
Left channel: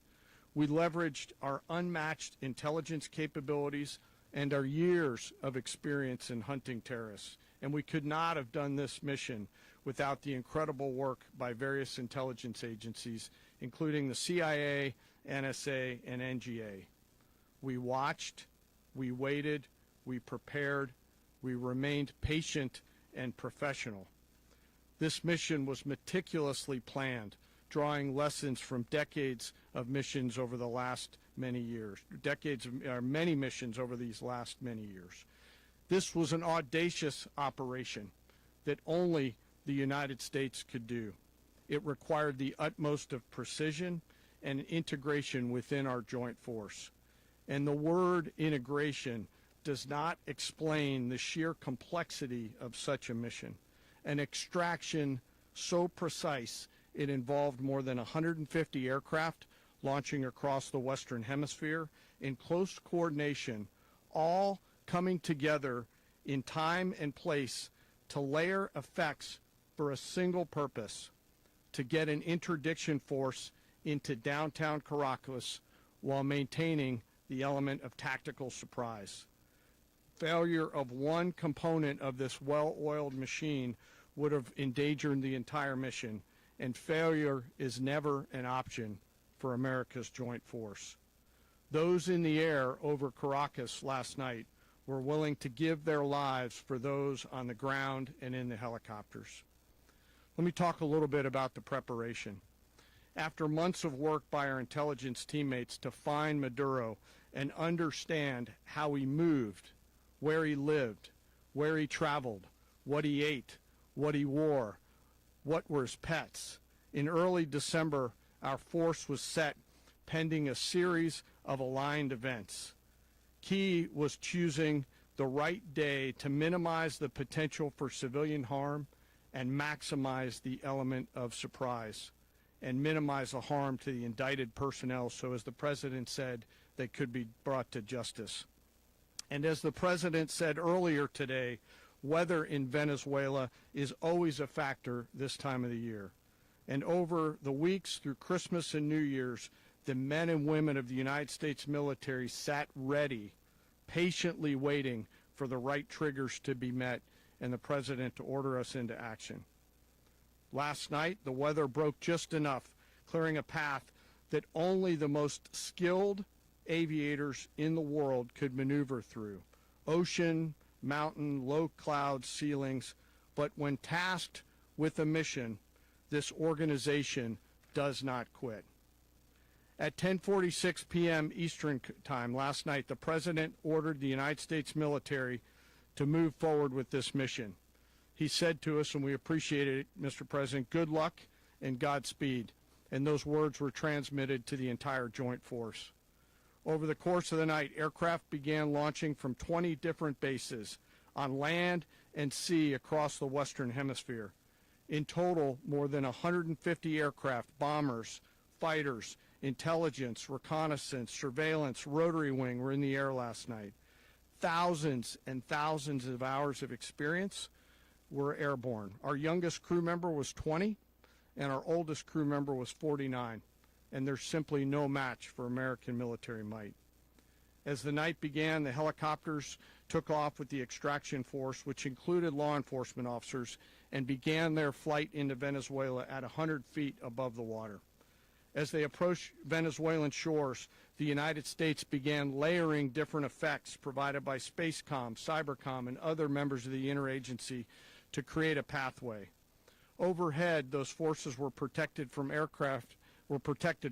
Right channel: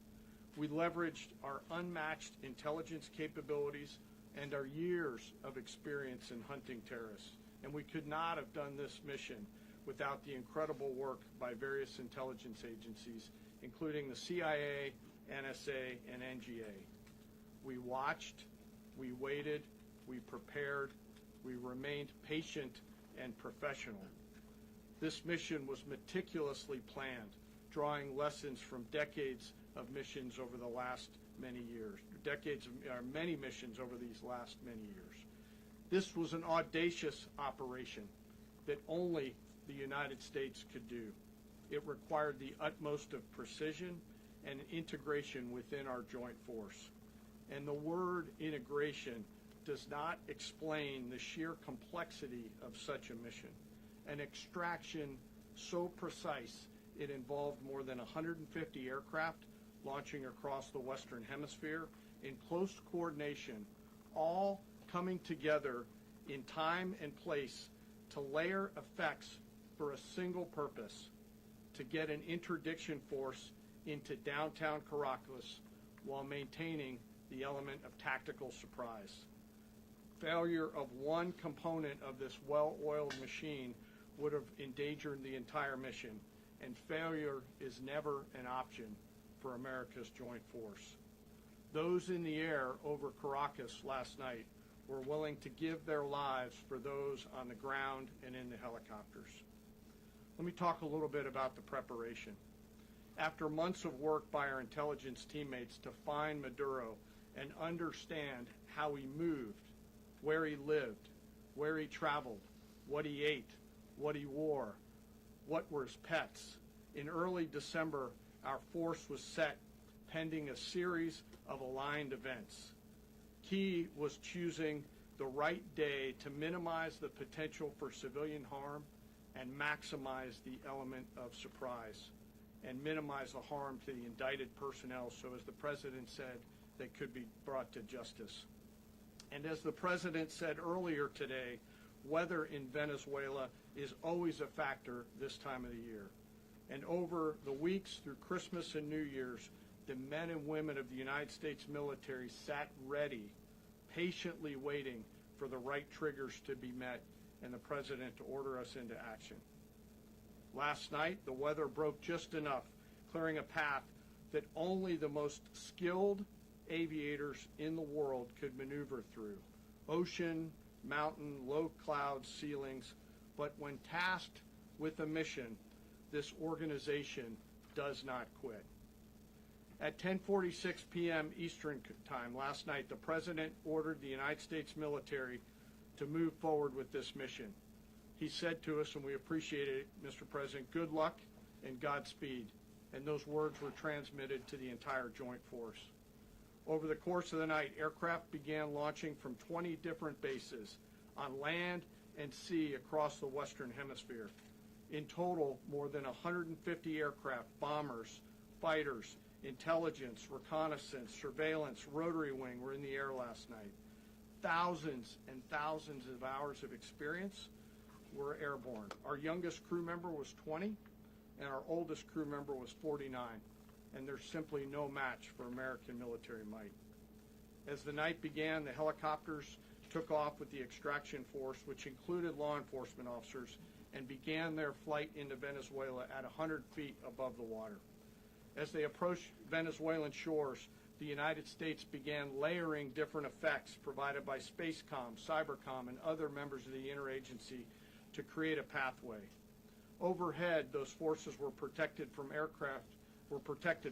We leveraged our unmatched intelligence capabilities and our years of experience in hunting terrorists. And we could not have done this mission without the incredible work by various intelligence agencies, including the CIA, NSA, and NGA. We watched, we waited, we prepared, we remained patient and professional. This mission was meticulously planned, drawing lessons from decades of missions over the last many years, many missions over these last many years. This was an audacious operation that only the United States could do. It required the utmost of precision and integration within our joint force. And the word integration does not explain the sheer complexity of such a mission. An extraction so precise it involved more than 150 aircraft launching across the Western Hemisphere in close coordination, all coming together in time and place to layer effects for a single purpose: to get an interdiction force into downtown Caracas while maintaining the element of tactical surprise. Failure of one component of this well-oiled machine would have endangered the entire mission, and failure is never an option for America's joint force. Those in the air over Caracas last night were willing to give their lives for those on the ground and in the helicopters. Let me talk a little bit about the preparation. After months of work by our intelligence teammates to find Maduro and understand how he moved, where he lived, where he traveled, what he ate, what he wore, what were his pets, in early December, our force was set pending a series of aligned events. Key was choosing the right day to minimize the potential for civilian harm and maximize the element of surprise and minimize the harm to the indicted personnel, so as the President said, they could be brought to justice. And as the President said earlier today, weather in Venezuela is always a factor this time of the year. And over the weeks through Christmas and New Year's, the men and women of the United States military sat ready, patiently waiting for the right triggers to be met and the President to order us into action. Last night, the weather broke just enough, clearing a path that only the most skilled aviators in the world could maneuver through. Ocean, mountain, low cloud ceilings, but when tasked with a mission, this organization does not quit. At 10:46 p.m. Eastern Time last night, the President ordered the United States military to move forward with this mission. He said to us, and we appreciate it, Mr. President, good luck and Godspeed. And those words were transmitted to the entire joint force. Over the course of the night, aircraft began launching from 20 different bases on land and sea across the Western Hemisphere. In total, more than 150 aircraft, bombers, fighters, intelligence, reconnaissance, surveillance, rotary wing were in the air last night. Thousands and thousands of hours of experience were airborne. Our youngest crew member was 20, and our oldest crew member was 49, and there's simply no match for American military might. As the night began, the helicopters took off with the extraction force, which included law enforcement officers, and began their flight into Venezuela at 100 feet above the water. As they approached Venezuelan shores, the United States began layering different effects provided by Spacecom, Cybercom, and other members of the interagency to create a pathway. Overhead, those forces were protected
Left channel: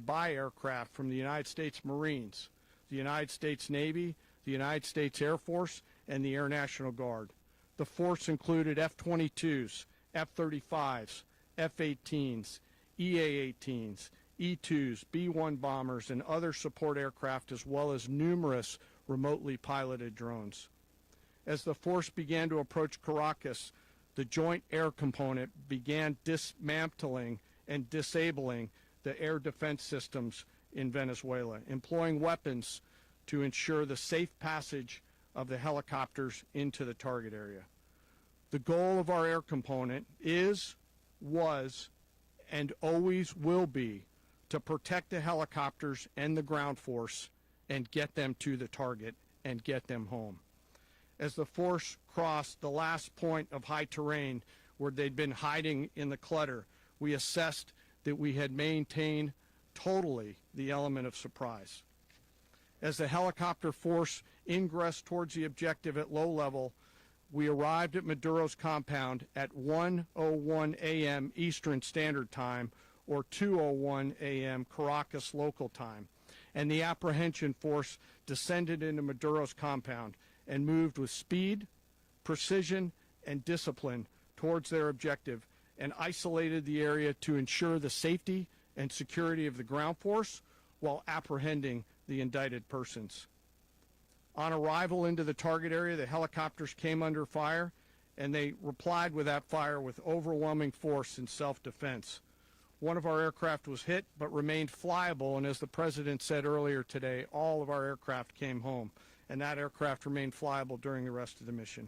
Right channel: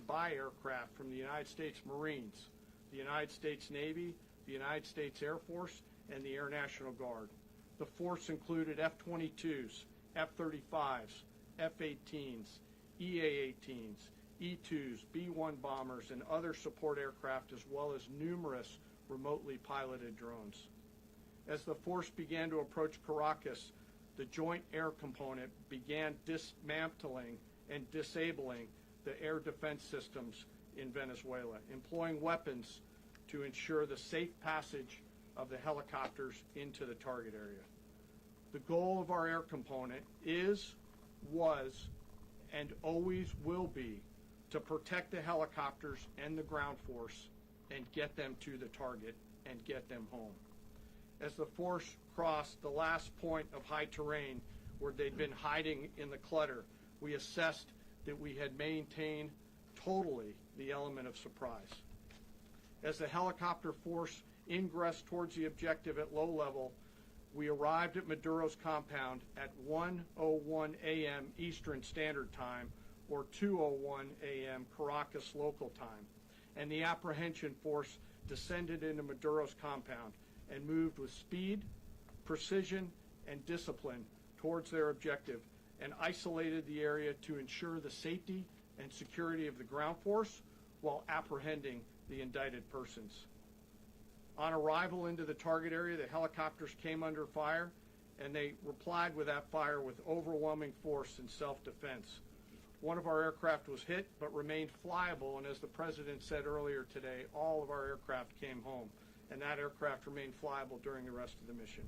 by aircraft from the United States Marines, the United States Navy, the United States Air Force, and the Air National Guard. The force included F-22s, F-35s, F-18s, EA-18s, E-2s, B-1 bombers, and other support aircraft, as well as numerous remotely piloted drones. As the force began to approach Caracas, the Joint Air Component began dismantling and disabling the air defense systems in Venezuela, employing weapons to ensure the safe passage of the helicopters into the target area. The goal of our air component is, was, and always will be to protect the helicopters and the ground force and get them to the target and get them home. As the force crossed the last point of high terrain where they'd been hiding in the clutter, we assessed that we had maintained totally the element of surprise. As the helicopter force ingressed towards the objective at low level, we arrived at Maduro's compound at 1:01 a.m. Eastern Standard Time, or 2:01 a.m. Caracas local time, and the apprehension force descended into Maduro's compound and moved with speed, precision, and discipline towards their objective, and isolated the area to ensure the safety and security of the ground force while apprehending the indicted persons. On arrival into the target area, the helicopters came under fire, and they replied with that fire with overwhelming force in self-defense. One of our aircraft was hit but remained flyable, and as the President said earlier today, all of our aircraft came home, and that aircraft remained flyable during the rest of the mission.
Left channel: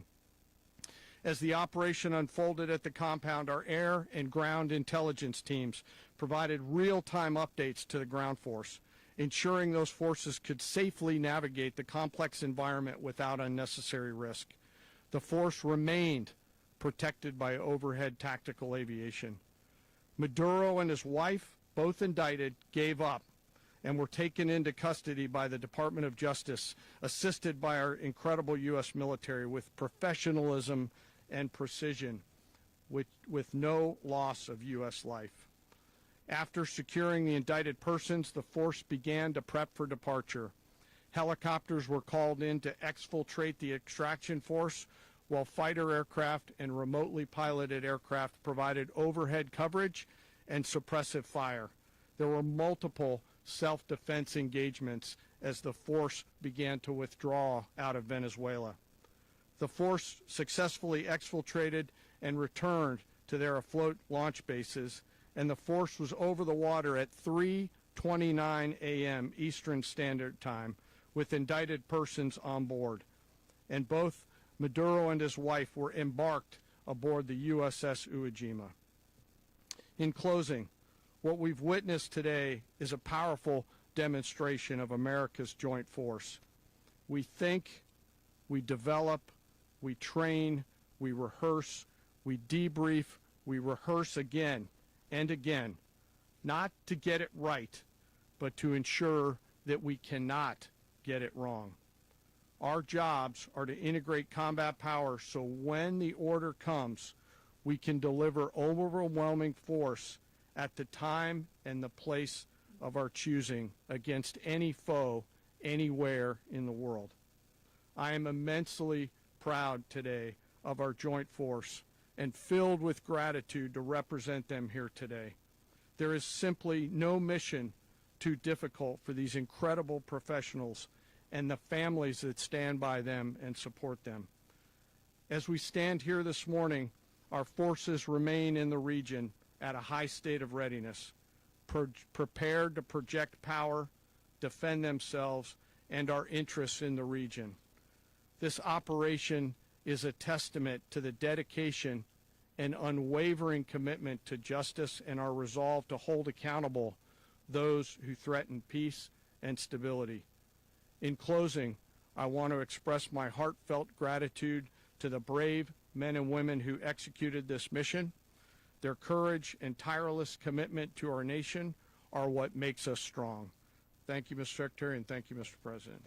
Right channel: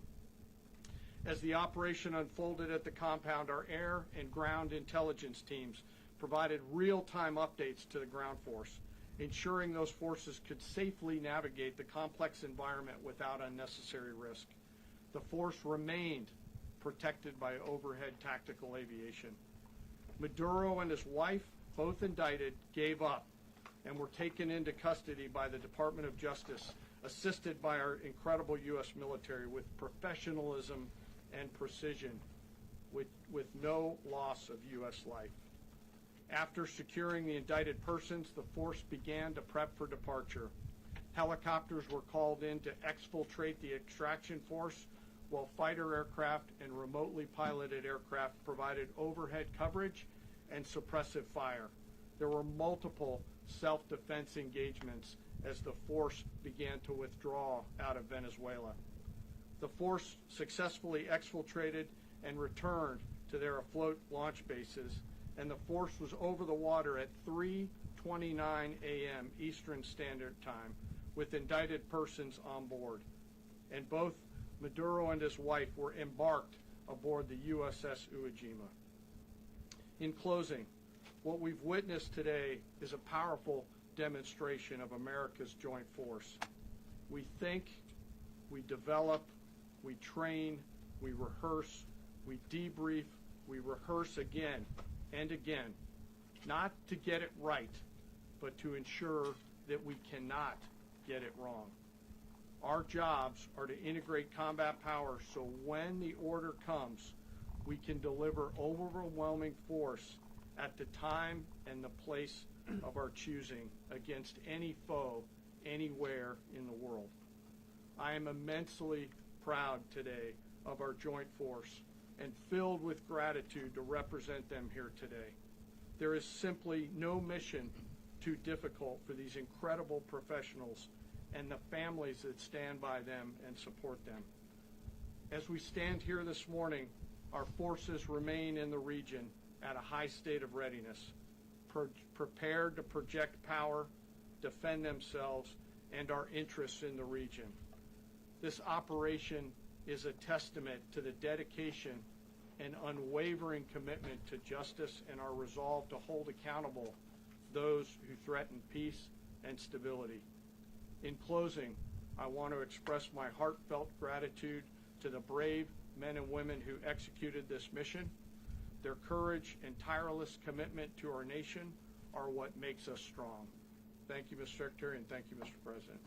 As the operation unfolded at the compound, our air and ground intelligence teams provided real-time updates to the ground force, ensuring those forces could safely navigate the complex environment without unnecessary risk. The force remained protected by overhead tactical aviation. Maduro and his wife, both indicted, gave up and were taken into custody by the Department of Justice, assisted by our incredible U.S. military with professionalism and precision, with no loss of U.S. life. After securing the indicted persons, the force began to prep for departure. Helicopters were called in to exfiltrate the extraction force, while fighter aircraft and remotely piloted aircraft provided overhead coverage and suppressive fire. There were multiple self-defense engagements as the force began to withdraw out of Venezuela. The force successfully exfiltrated and returned to their afloat launch bases, and the force was over the water at 3:29 a.m. Eastern Standard Time with indicted persons on board. And both Maduro and his wife were embarked aboard the USS Iwo Jima. In closing, what we've witnessed today is a powerful demonstration of America's joint force. We think, we develop, we train, we rehearse, we debrief, we rehearse again and again, not to get it right, but to ensure that we cannot get it wrong. Our jobs are to integrate combat power so when the order comes, we can deliver overwhelming force at the time and the place of our choosing against any foe anywhere in the world. I am immensely proud today of our joint force and filled with gratitude to represent them here today. There is simply no mission too difficult for these incredible professionals and the families that stand by them and support them. As we stand here this morning, our forces remain in the region at a high state of readiness, prepared to project power, defend themselves, and our interests in the region. This operation is a testament to the dedication and unwavering commitment to justice and our resolve to hold accountable those who threaten peace and stability. In closing, I want to express my heartfelt gratitude to the brave men and women who executed this mission. Their courage and tireless commitment to our nation are what makes us strong. Thank you, Mr. Secretary, and thank you, Mr. President.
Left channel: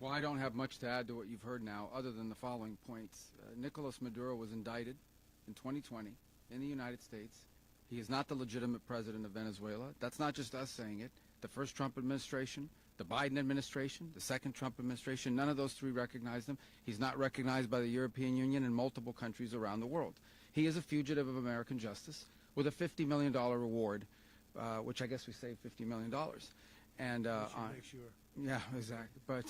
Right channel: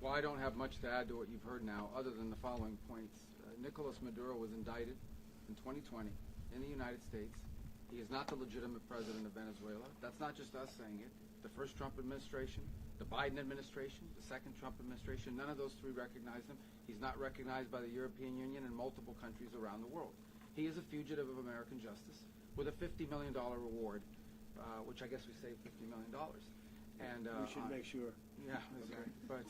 Well, I don't have much to add to what you've heard now, other than the following points. Nicolas Maduro was indicted in 2020 in the United States. He is not the legitimate president of Venezuela. That's not just us saying it. The first Trump administration, the Biden administration, the second Trump administration, none of those three recognized him. He's not recognized by the European Union and multiple countries around the world. He is a fugitive of American justice with a $50 million reward, which I guess we saved $50 million. And We should make sure. yeah, exactly. But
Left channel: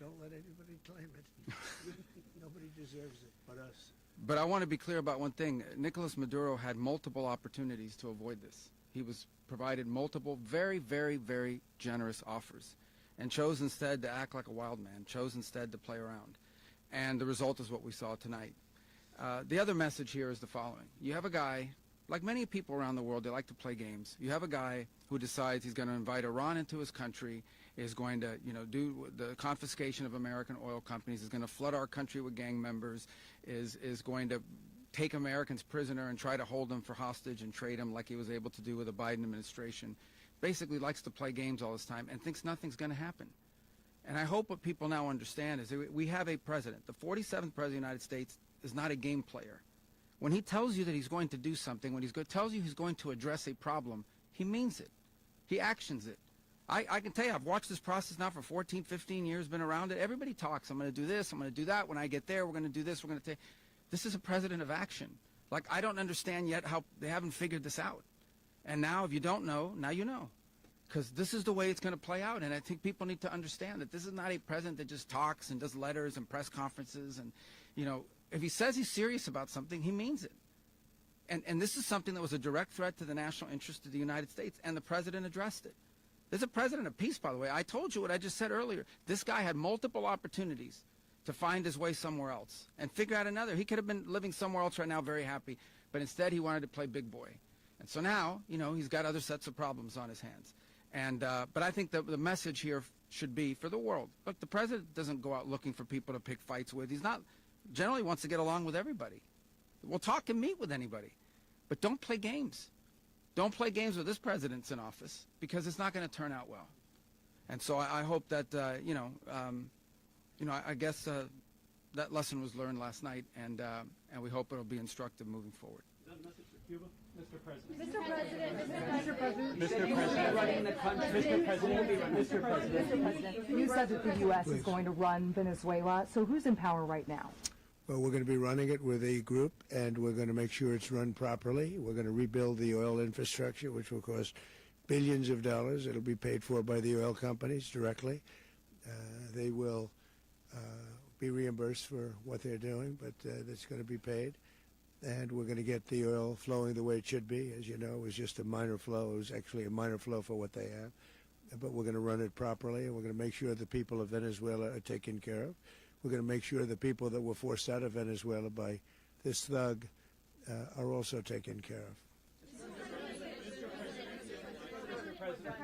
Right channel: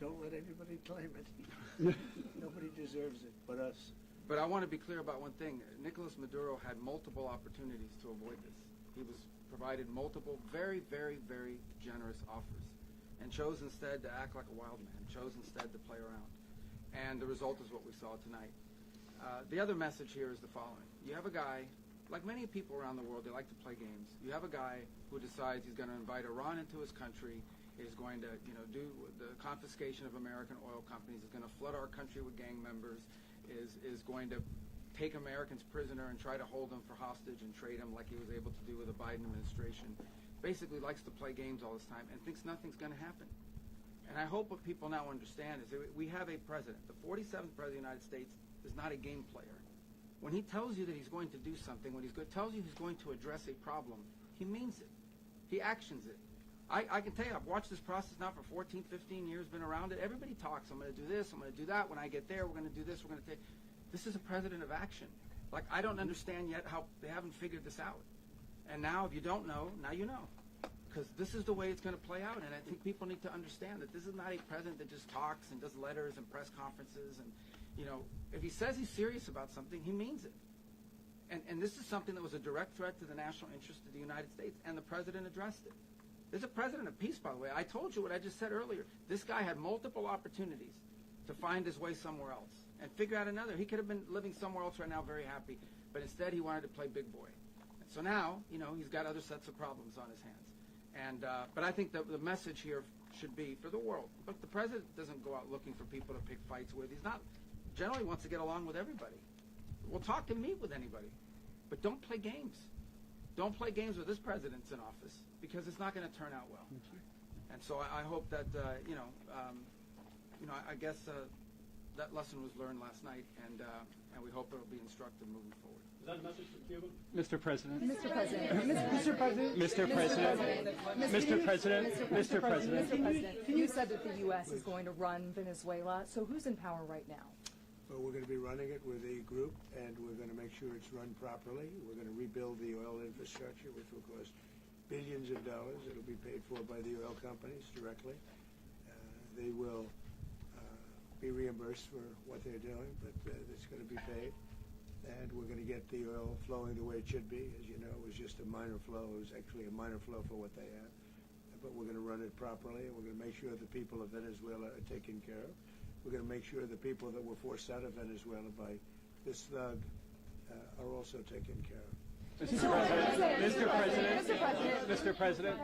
Don't let anybody claim it. Nobody deserves it but us. But I want to be clear about one thing. Nicolas Maduro had multiple opportunities to avoid this. He was provided multiple very, very, very generous offers and chose instead to act like a wild man, chose instead to play around. And the result is what we saw tonight. The other message here is the following. You have a guy, like many people around the world, they like to play games. You have a guy who decides he's going to invite Iran into his country is going to, do the confiscation of American oil companies, is going to flood our country with gang members, is going to take Americans prisoner and try to hold them for hostage and trade them like he was able to do with the Biden administration. Basically likes to play games all this time and thinks nothing's going to happen. And I hope what people now understand is that we have a president. The 47th president of the United States is not a game player. When he tells you that he's going to do something, when tells you he's going to address a problem, he means it. He actions it. I can tell you, I've watched this process now for 14, 15 years, been around it. Everybody talks. I'm going to do this. I'm going to do that. When I get there, we're going to do this. We're going to take. This is a president of action. Like, I don't understand yet how they haven't figured this out. And now, if you don't know, now you know. Because this is the way it's going to play out. And I think people need to understand that this is not a president that just talks and does letters and press conferences. And, if he says he's serious about something, he means it. And this is something that was a direct threat to the national interest of the United States, and the president addressed it. There's a president of peace, by the way. I told you what I just said earlier. This guy had multiple opportunities to find his way somewhere else and figure out another. He could have been living somewhere else right now very happy, but instead he wanted to play big boy. And so now, he's got other sets of problems on his hands. And but I think the message here should be for the world. Look, the president doesn't go out looking for people to pick fights with. He's not, generally wants to get along with everybody. We'll talk and meet with anybody, but don't play games. Don't play games with this president's in office, because it's not going to turn out well. And so I hope that, I guess that lesson was learned last night, and we hope it'll be instructive moving forward. Is that a message for Cuba? Mr. President. Mr. President. You said that the U.S. is going to run Venezuela, so who's in power right now? Well, we're going to be running it with a group, and we're going to make sure it's run properly. We're going to rebuild the oil infrastructure, which will cost billions of dollars. It'll be paid for by the oil companies directly. They will be reimbursed for what they're doing, but it's going to be paid. And we're going to get the oil flowing the way it should be. As you know, it was just a minor flow. It was actually a minor flow for what they have. But we're going to run it properly, and we're going to make sure the people of Venezuela are taken care of. We're going to make sure the people that were forced out of Venezuela by this thug are also taken care of. Mr. President.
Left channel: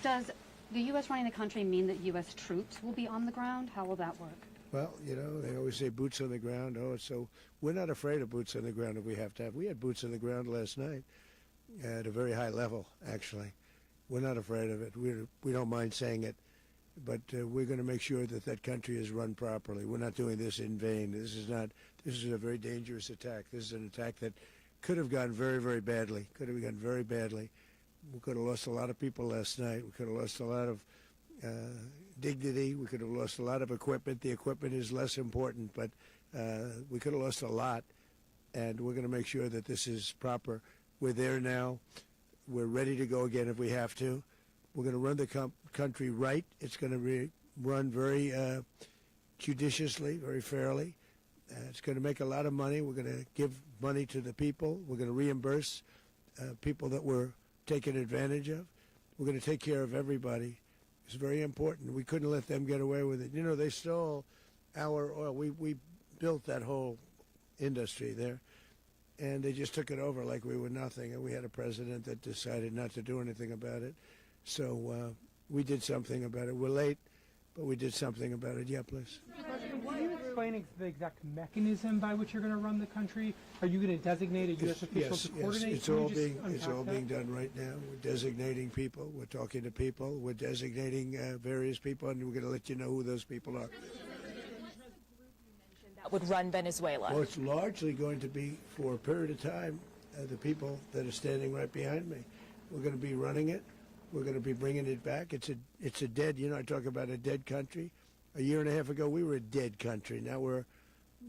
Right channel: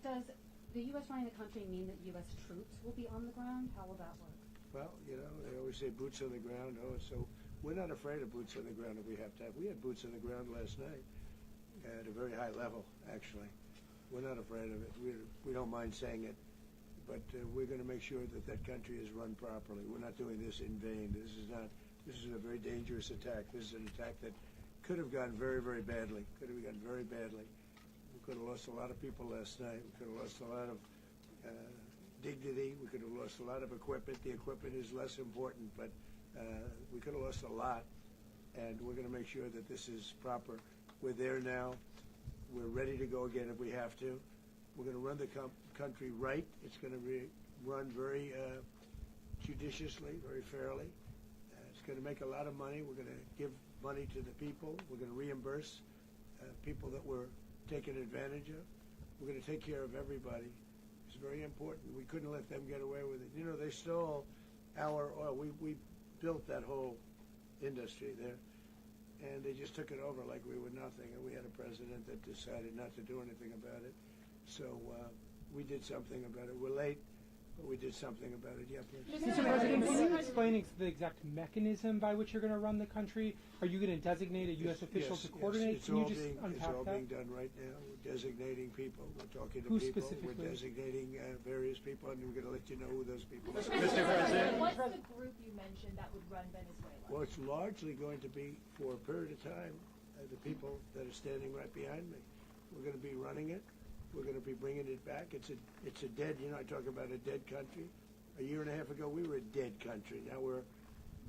Does the U.S. running the country mean that U.S. troops will be on the ground? How will that work? Well, they always say boots on the ground. So we're not afraid of boots on the ground if we have to have. We had boots on the ground last night at a very high level, actually. We're not afraid of it. We don't mind saying it. But we're going to make sure that that country is run properly. We're not doing this in vain. This is a very dangerous attack. This is an attack that could have gone very, very badly. Could have gone very badly. We could have lost a lot of people last night. We could have lost a lot of dignity. We could have lost a lot of equipment. The equipment is less important, but we could have lost a lot. And we're going to make sure that this is proper. We're there now. We're ready to go again if we have to. We're going to run the country right. It's going to be run very judiciously, very fairly. It's going to make a lot of money. We're going to give money to the people. We're going to reimburse people that were taken advantage of. We're going to take care of everybody. It's very important. We couldn't let them get away with it. They stole our oil. We built that whole industry there, and they just took it over like we were nothing. And we had a president that decided not to do anything about it. So we did something about it. We're late, but we did something about it. Yeah, please. Mr. President, can you explain the exact mechanism by which you're going to run the country? Are you going to designate a U.S. official to coordinate? It's all being done right now. We're designating people. We're talking to people. We're designating various people, and we're going to let you know who those people are. Mr. President. What's the group you mentioned that would run Venezuela? Well, it's largely going to be, for a period of time, the people that are standing right behind me. We're going to be running it. We're going to be bringing it back. It's a dead, I talk about a dead country. A year and a half ago, we were a dead country. Now we're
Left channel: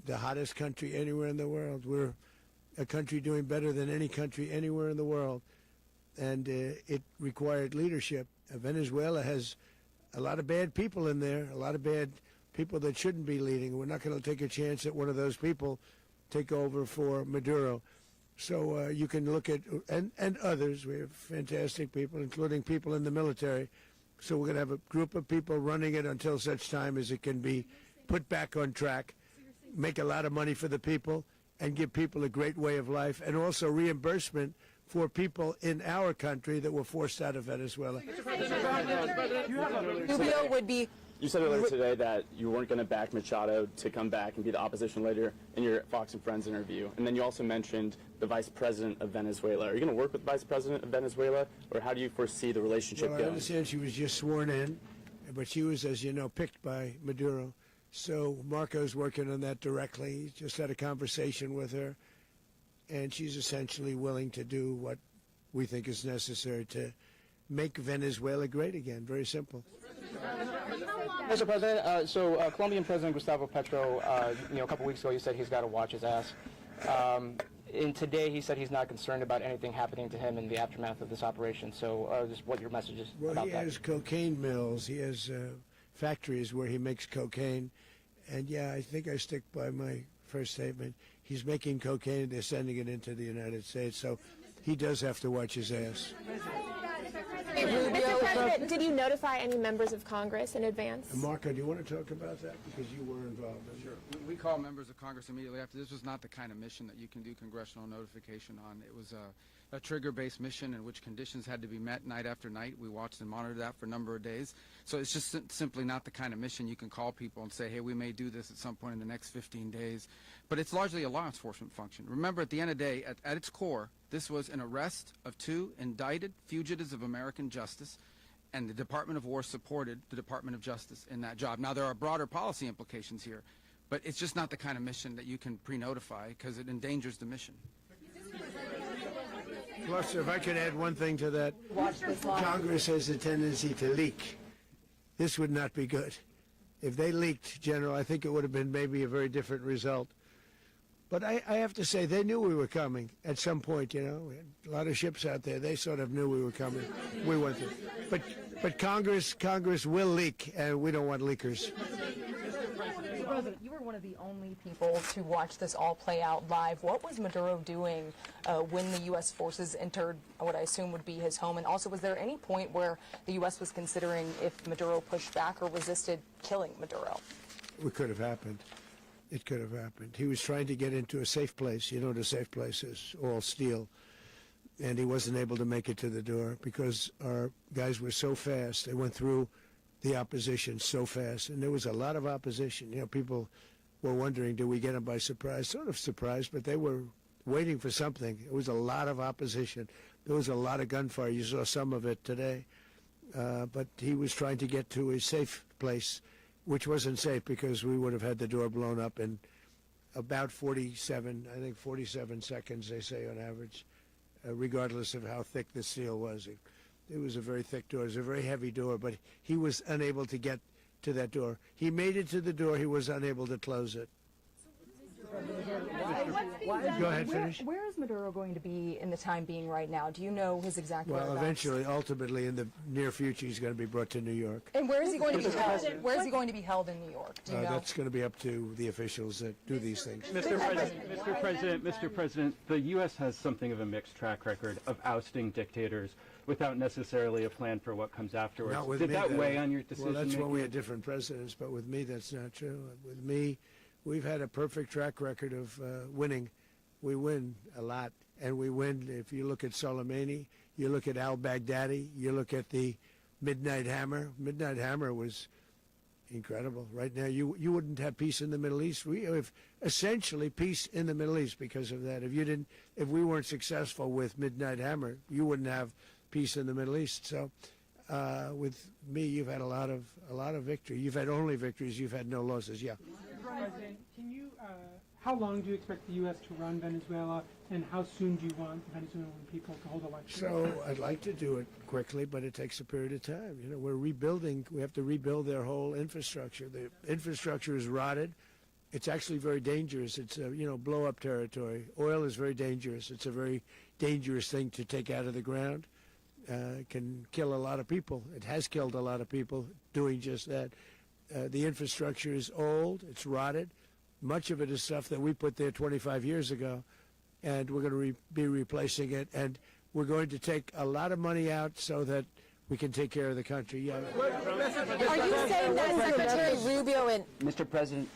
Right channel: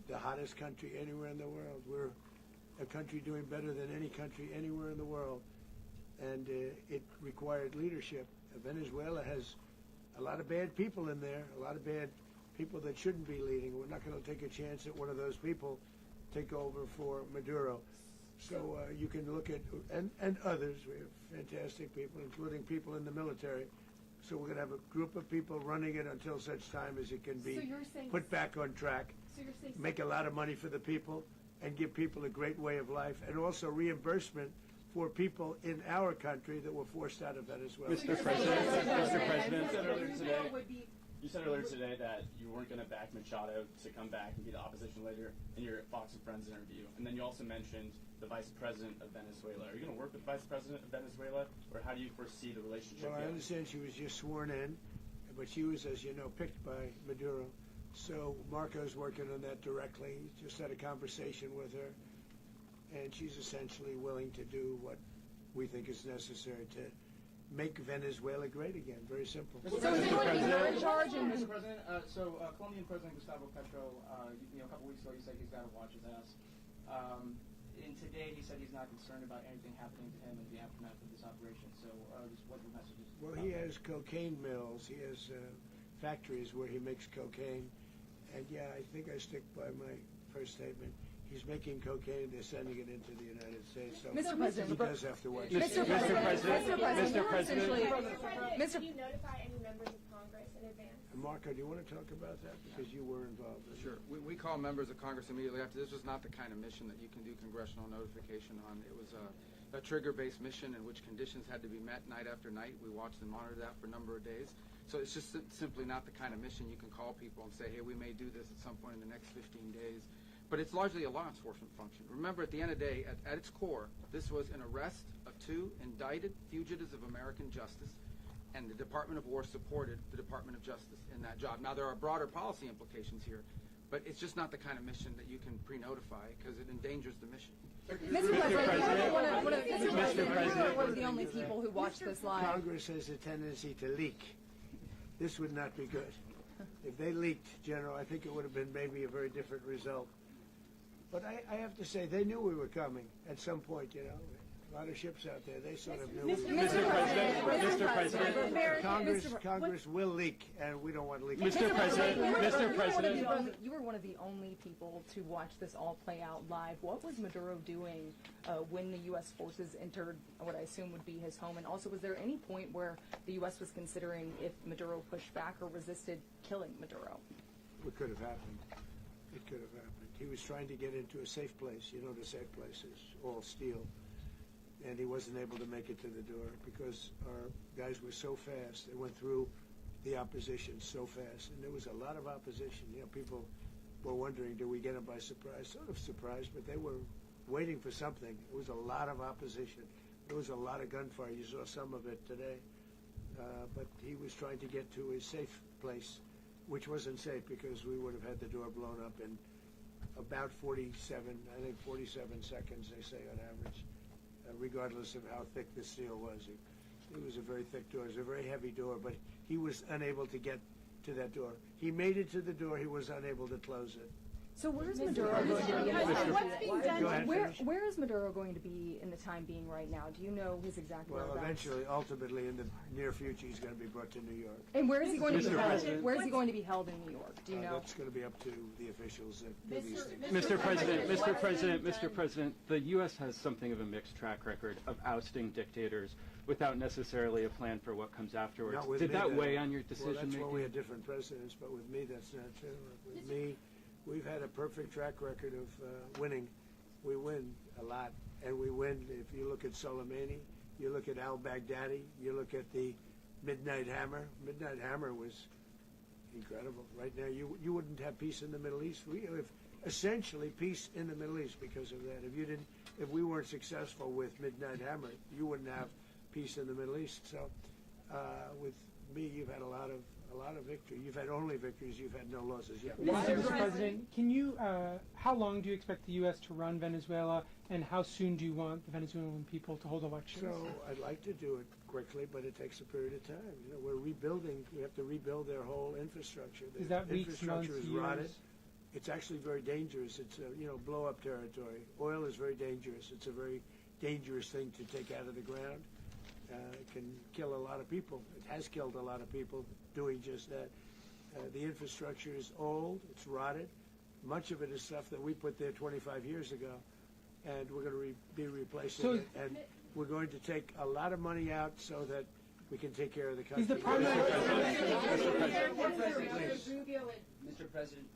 the hottest country anywhere in the world. We're a country doing better than any country anywhere in the world. And it required leadership. Venezuela has a lot of bad people in there, a lot of bad people that shouldn't be leading. We're not going to take a chance that one of those people take over for Maduro. So you can look at, and others, we have fantastic people, including people in the military. So we're going to have a group of people running it until such time as it can be put back on track, make a lot of money for the people, and give people a great way of life, and also reimbursement for people in our country that were forced out of Venezuela. Rubio would be. You said earlier today that you weren't going to back Machado to come back and be the opposition leader in your Fox and Friends interview. And then you also mentioned the vice president of Venezuela. Are you going to work with the vice president of Venezuela, or how do you foresee the relationship Well, I going? understand she was just sworn in, but she was, as you know, picked by Maduro. So Marco's working on that directly. He just had a conversation with her, and she's essentially willing to do what we think is necessary to make Venezuela great again. Very simple. Mr. President, Colombian President Gustavo Petro, a couple weeks ago, he said he's got to watch his ass. And today, he said he's not concerned about anything happening to him in the aftermath of this operation. So, just what your message is Well, about he that. has cocaine mills. He has factories where he makes cocaine. And yeah, I think I stick by my first statement. He's making cocaine. They're sending it into the United States. So he does have to watch his ass. Mr. President, did you notify any members of Congress in advance? Marco, do you want to talk about that? Because you were involved in it. Sure. We call members of Congress immediately after. This was not the kind of mission that you can do congressional notification on. It was a trigger-based mission in which conditions had to be met night after night. We watched and monitored that for a number of days. So it's just simply not the kind of mission you can call people and say, hey, we may do this at some point in the next 15 days. But it's largely a law enforcement function. Remember, at the end of the day, at its core, this was an arrest of 2 indicted fugitives of American justice, and the Department of War supported the Department of Justice in that job. Now, there are broader policy implications here, but it's just not the kind of mission that you can pre-notify because it endangers the mission. Well, sir, if I could add one thing to that. Congress has a tendency to leak. This would not be good. If they leaked, General, I think it would have been maybe a very different result. But I have to say, they knew we were coming at some point, you know. A lot of ships out there, they sort of knew we were coming. We weren't. But Congress will leak, and we don't want leakers. Mr. President, you were one of the only people to watch this all play out live. What was Maduro doing when the U.S. forces entered what I assume would be his home? And also, was there any point where the U.S. was considering if Maduro pushed back or resisted killing Maduro? It could have happened. It could have happened. He was trying to get into a safe place. You know what a safe place is, all steel. And he wasn't able to make it to the door because our guys were so fast. They went through the opposition so fast. And there was a lot of opposition. You know, people were wondering, do we get them by surprise? Sort of surprised, but they were waiting for something. It was a lot of opposition. There was a lot of gunfire. You saw some of it today. But he was trying to get to a safe place, which wasn't safe because we would have had the door blown up in about 47 seconds, they say on average, regardless of how thick the steel was. It was a very thick door. It was a very heavy door, but he was unable to get to that door. He made it to the door. He was unable to close it. So where is Maduro going to be? Go ahead, finish. Where is Maduro going to be in the time being right now? Do you know his exact whereabouts? Well, eventually, ultimately, in the near future, he's going to be brought to New York. And where is he going to be held? Where is he going to be held in New York? Do you know? That's going to be up to the officials that do these things. Mr. President, the U.S. has something of a mixed track record of ousting dictators without necessarily a plan for what comes afterwards. Did that weigh on your decision? Well, that's when we had different presidents, but with me, that's not true. With me, we've had a perfect track record of winning. We win a lot, and we win. If you look at Soleimani, you look at al-Baghdadi, you look at the Midnight Hammer. Midnight Hammer was incredible. Right now, you wouldn't have peace in the Middle East. We have essentially peace in the Middle East because of that. If we weren't successful with Midnight Hammer, you wouldn't have peace in the Middle East. So, with me, you've had a lot of victory. You've had only victories. You've had no losses. Yeah. Mr. President, can you? How long do you expect the U.S. to run Venezuela, and how soon do you want the Venezuelan people to hold elections? So I'd like to do it quickly, but it takes a period of time. You know, we're rebuilding. We have to rebuild their whole infrastructure. The infrastructure is rotted. It's actually very dangerous. It's blow-up territory. Oil is very dangerous. It's a very dangerous thing to take out of the ground. It can kill a lot of people. It has killed a lot of people doing just that. The infrastructure is old. It's rotted. Much of it is stuff that we put there 25 years ago, and we're going to be replacing it. And we're going to take a lot of money out so that we can take care of the country. Are you saying that Secretary Rubio and... Mr. President,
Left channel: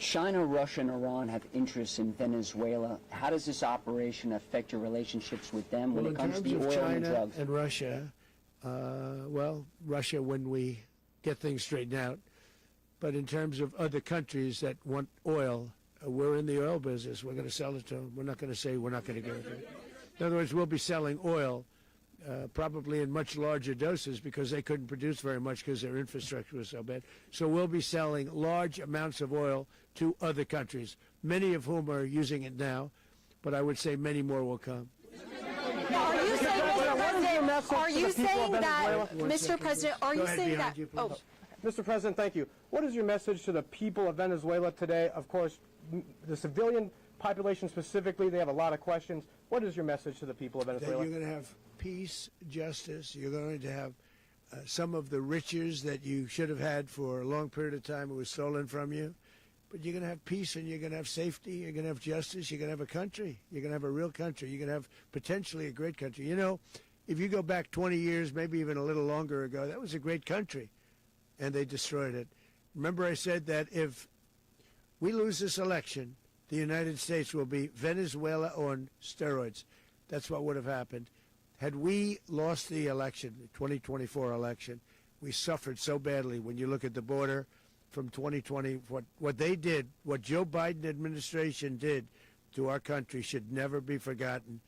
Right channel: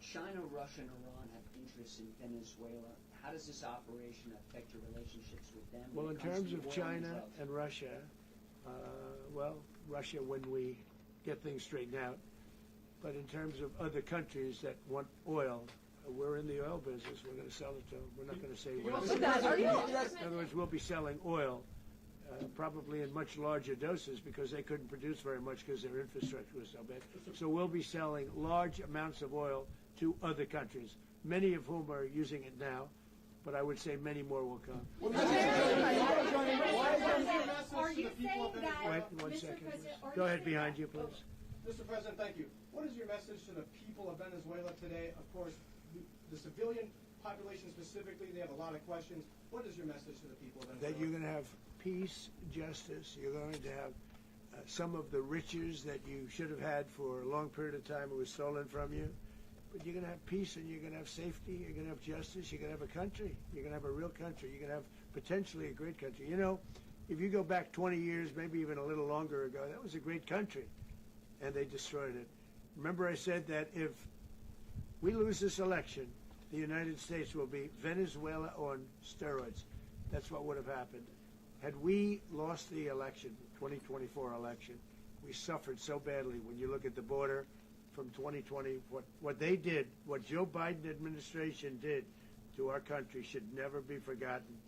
China, Russia, and Iran have interests in Venezuela. How does this operation affect your relationships with them when Well, it comes to the in terms oil of and China drugs? and Russia, well, Russia when we get things straightened out. But in terms of other countries that want oil, we're in the oil business. We're going to sell it to them. We're not going to say we're not going to. In other words, we'll be selling oil, probably in much larger doses because they couldn't produce very much because their infrastructure was so bad. So we'll be selling large amounts of oil to other countries, many of whom are using it now, but I would say many more will come. Are you saying that, Mr. President, are you saying that, oh, Mr. President, thank you. What is your message to the people of Venezuela today? Of course, the civilian population specifically, they have a lot of questions. What is your message to the people of That Venezuela? you're going to have peace, justice. You're going to have some of the riches that you should have had for a long period of time. It was stolen from you. But you're going to have peace and you're going to have safety. You're going to have justice. You're going to have a country. You're going to have a real country. You're going to have potentially a great country. You know, if you go back 20 years, maybe even a little longer ago, that was a great country. And they destroyed it. Remember I said that if we lose this election, the United States will be Venezuela on steroids. That's what would have happened. Had we lost the election, the 2024 election, we suffered so badly. When you look at the border from 2020, what they did, what Joe Biden administration did to our country should never be forgotten.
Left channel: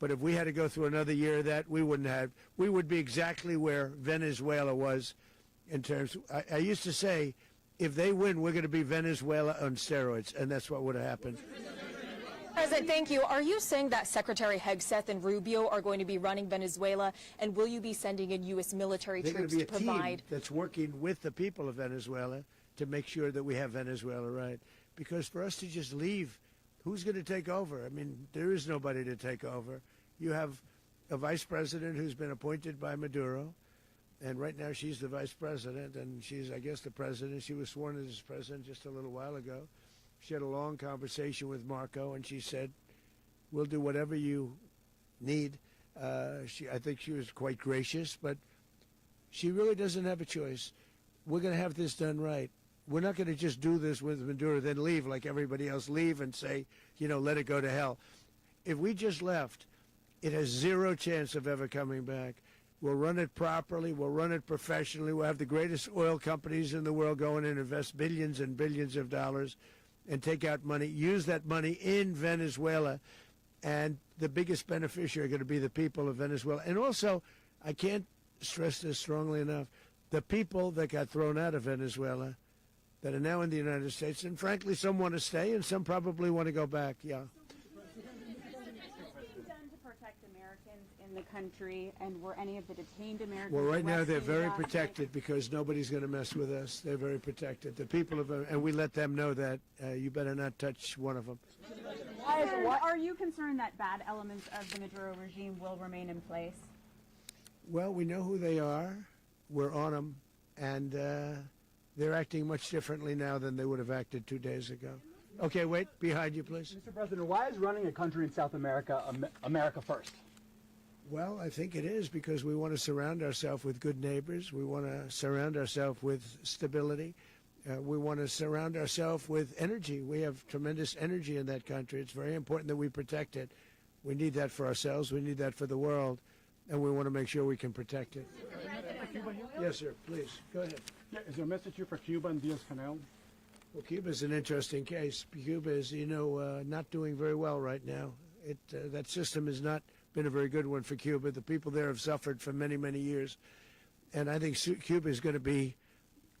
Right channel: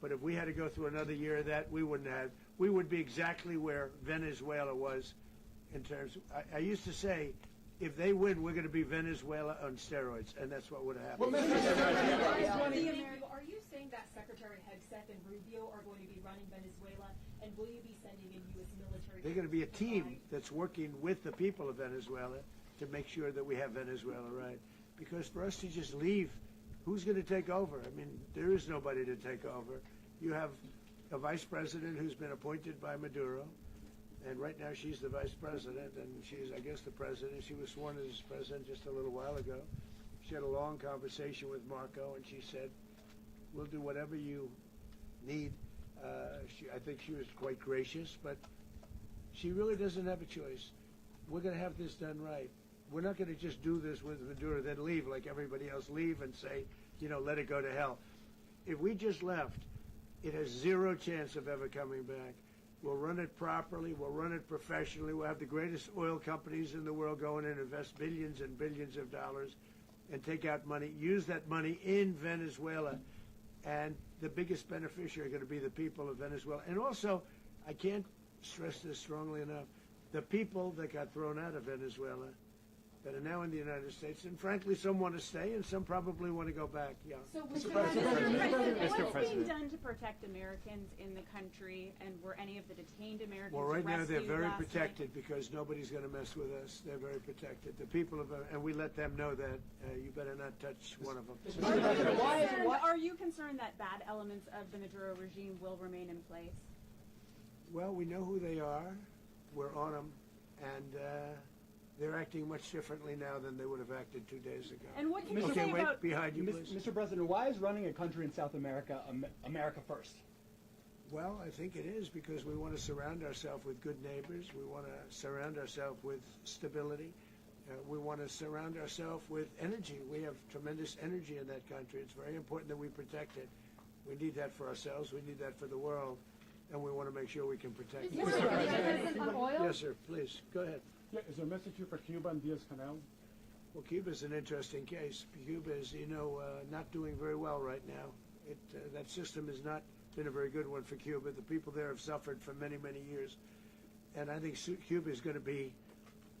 But if we had to go through another year of that, we would be exactly where Venezuela was in terms, I used to say, if they win, we're going to be Venezuela on steroids, and that's what would have happened. President, thank you. Are you saying that Secretary Hegseth and Rubio are going to be running Venezuela, and will you be sending in U.S. military They're going troops to be to a team provide? that's working with the people of Venezuela to make sure that we have Venezuela right. Because for us to just leave, who's going to take over? I mean, there is nobody to take over. You have a vice president who's been appointed by Maduro, and right now she's the vice president, and she's, I guess, the president. She was sworn as president just a little while ago. She had a long conversation with Marco, and she said, we'll do whatever you need. I think she was quite gracious, but she really doesn't have a choice. We're going to have this done right. We're not going to just do this with Maduro, then leave like everybody else, leave and say, you know, let it go to hell. If we just left, it has zero chance of ever coming back. We'll run it properly. We'll run it professionally. We'll have the greatest oil companies in the world go in and invest billions and billions of dollars and take out money, use that money in Venezuela. And the biggest beneficiary are going to be the people of Venezuela. And also, I can't stress this strongly enough, the people that got thrown out of Venezuela that are now in the United States, and frankly, some want to stay and some probably want to go back. Yeah. So, Mr. President, what is being done to protect Americans in the country, and were any of the detained Americans Well, right now they're rescued very last protected night? because nobody's going to mess with us. They're very protected. The people of, and we let them know that you better not touch one of them. Are you concerned that bad elements of the Maduro regime will remain in place? Well, we know who they are. We're on them, and they're acting much differently now than they would have acted 2 days ago. And what can you Okay, say wait, about behind you, please. Mr. President, why is running a country in South America America first? Well, I think it is because we want to surround ourselves with good neighbors. We want to surround ourselves with stability. We want to surround ourselves with energy. We have tremendous energy in that country. It's very important that we protect it. We need that for ourselves. We need that for the world. And we want to make sure we can protect it. Yes, sir. Please, go ahead. Yeah, is there a message here for Cuba and Diaz-Canel? Well, Cuba's an interesting case. Cuba is, you know, not doing very well right now. That system has not been a very good one for Cuba. The people there have suffered for many, many years. And I think Cuba is going to be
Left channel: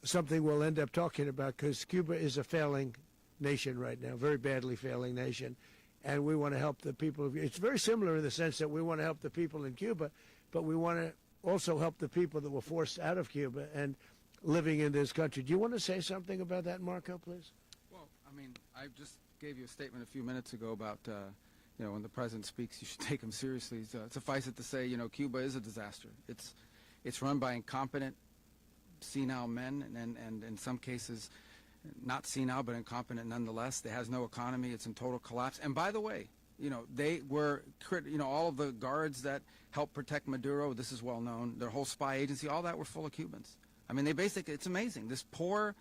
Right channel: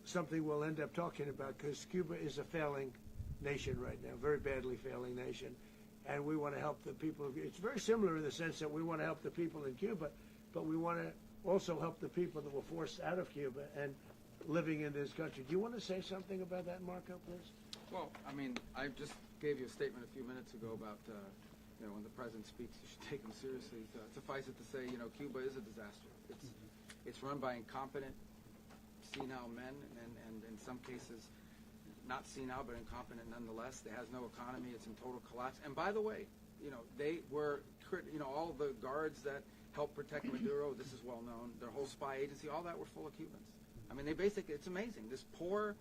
something we'll end up talking about because Cuba is a failing nation right now, very badly failing nation. And we want to help the people. It's very similar in the sense that we want to help the people in Cuba, but we want to also help the people that were forced out of Cuba and living in this country. Do you want to say something about that, Marco, please? Well, I mean, I just gave you a statement a few minutes ago about, you know, when the president speaks, you should take him seriously. So suffice it to say, you know, Cuba is a disaster. It's run by incompetent, senile men, and in some cases, not senile, but incompetent nonetheless. It has no economy. It's in total collapse. And by the way, you know, they were, you know, all of the guards that helped protect Maduro, this is well known, their whole spy agency, all that were full of Cubans. I mean, they basically, it's amazing. This poor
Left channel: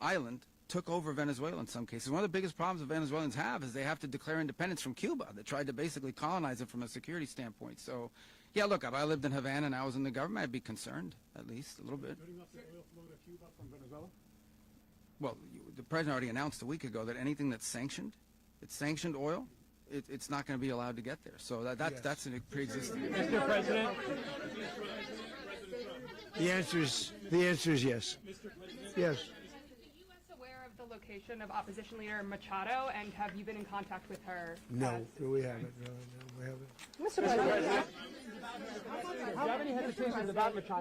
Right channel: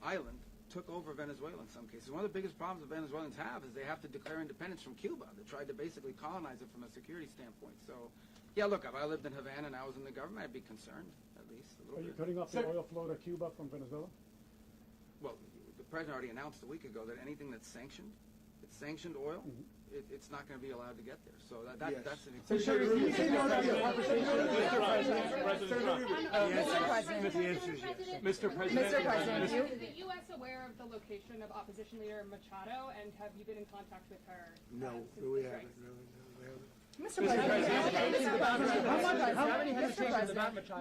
island took over Venezuela in some cases. One of the biggest problems that Venezuelans have is they have to declare independence from Cuba. They tried to basically colonize it from a security standpoint. So, yeah, look, if I lived in Havana and I was in the government, I'd be concerned, at least a little bit. Cutting off the oil flow to Cuba from Venezuela? Well, the president already announced a week ago that anything that's sanctioned, it's sanctioned oil, it's not going to be allowed to get there. So that's an egregious... The answer is yes. Mr. President, Yeah. Is the U.S. aware of the location of opposition leader Machado, and have you been in contact with her? No, we haven't. No, we haven't.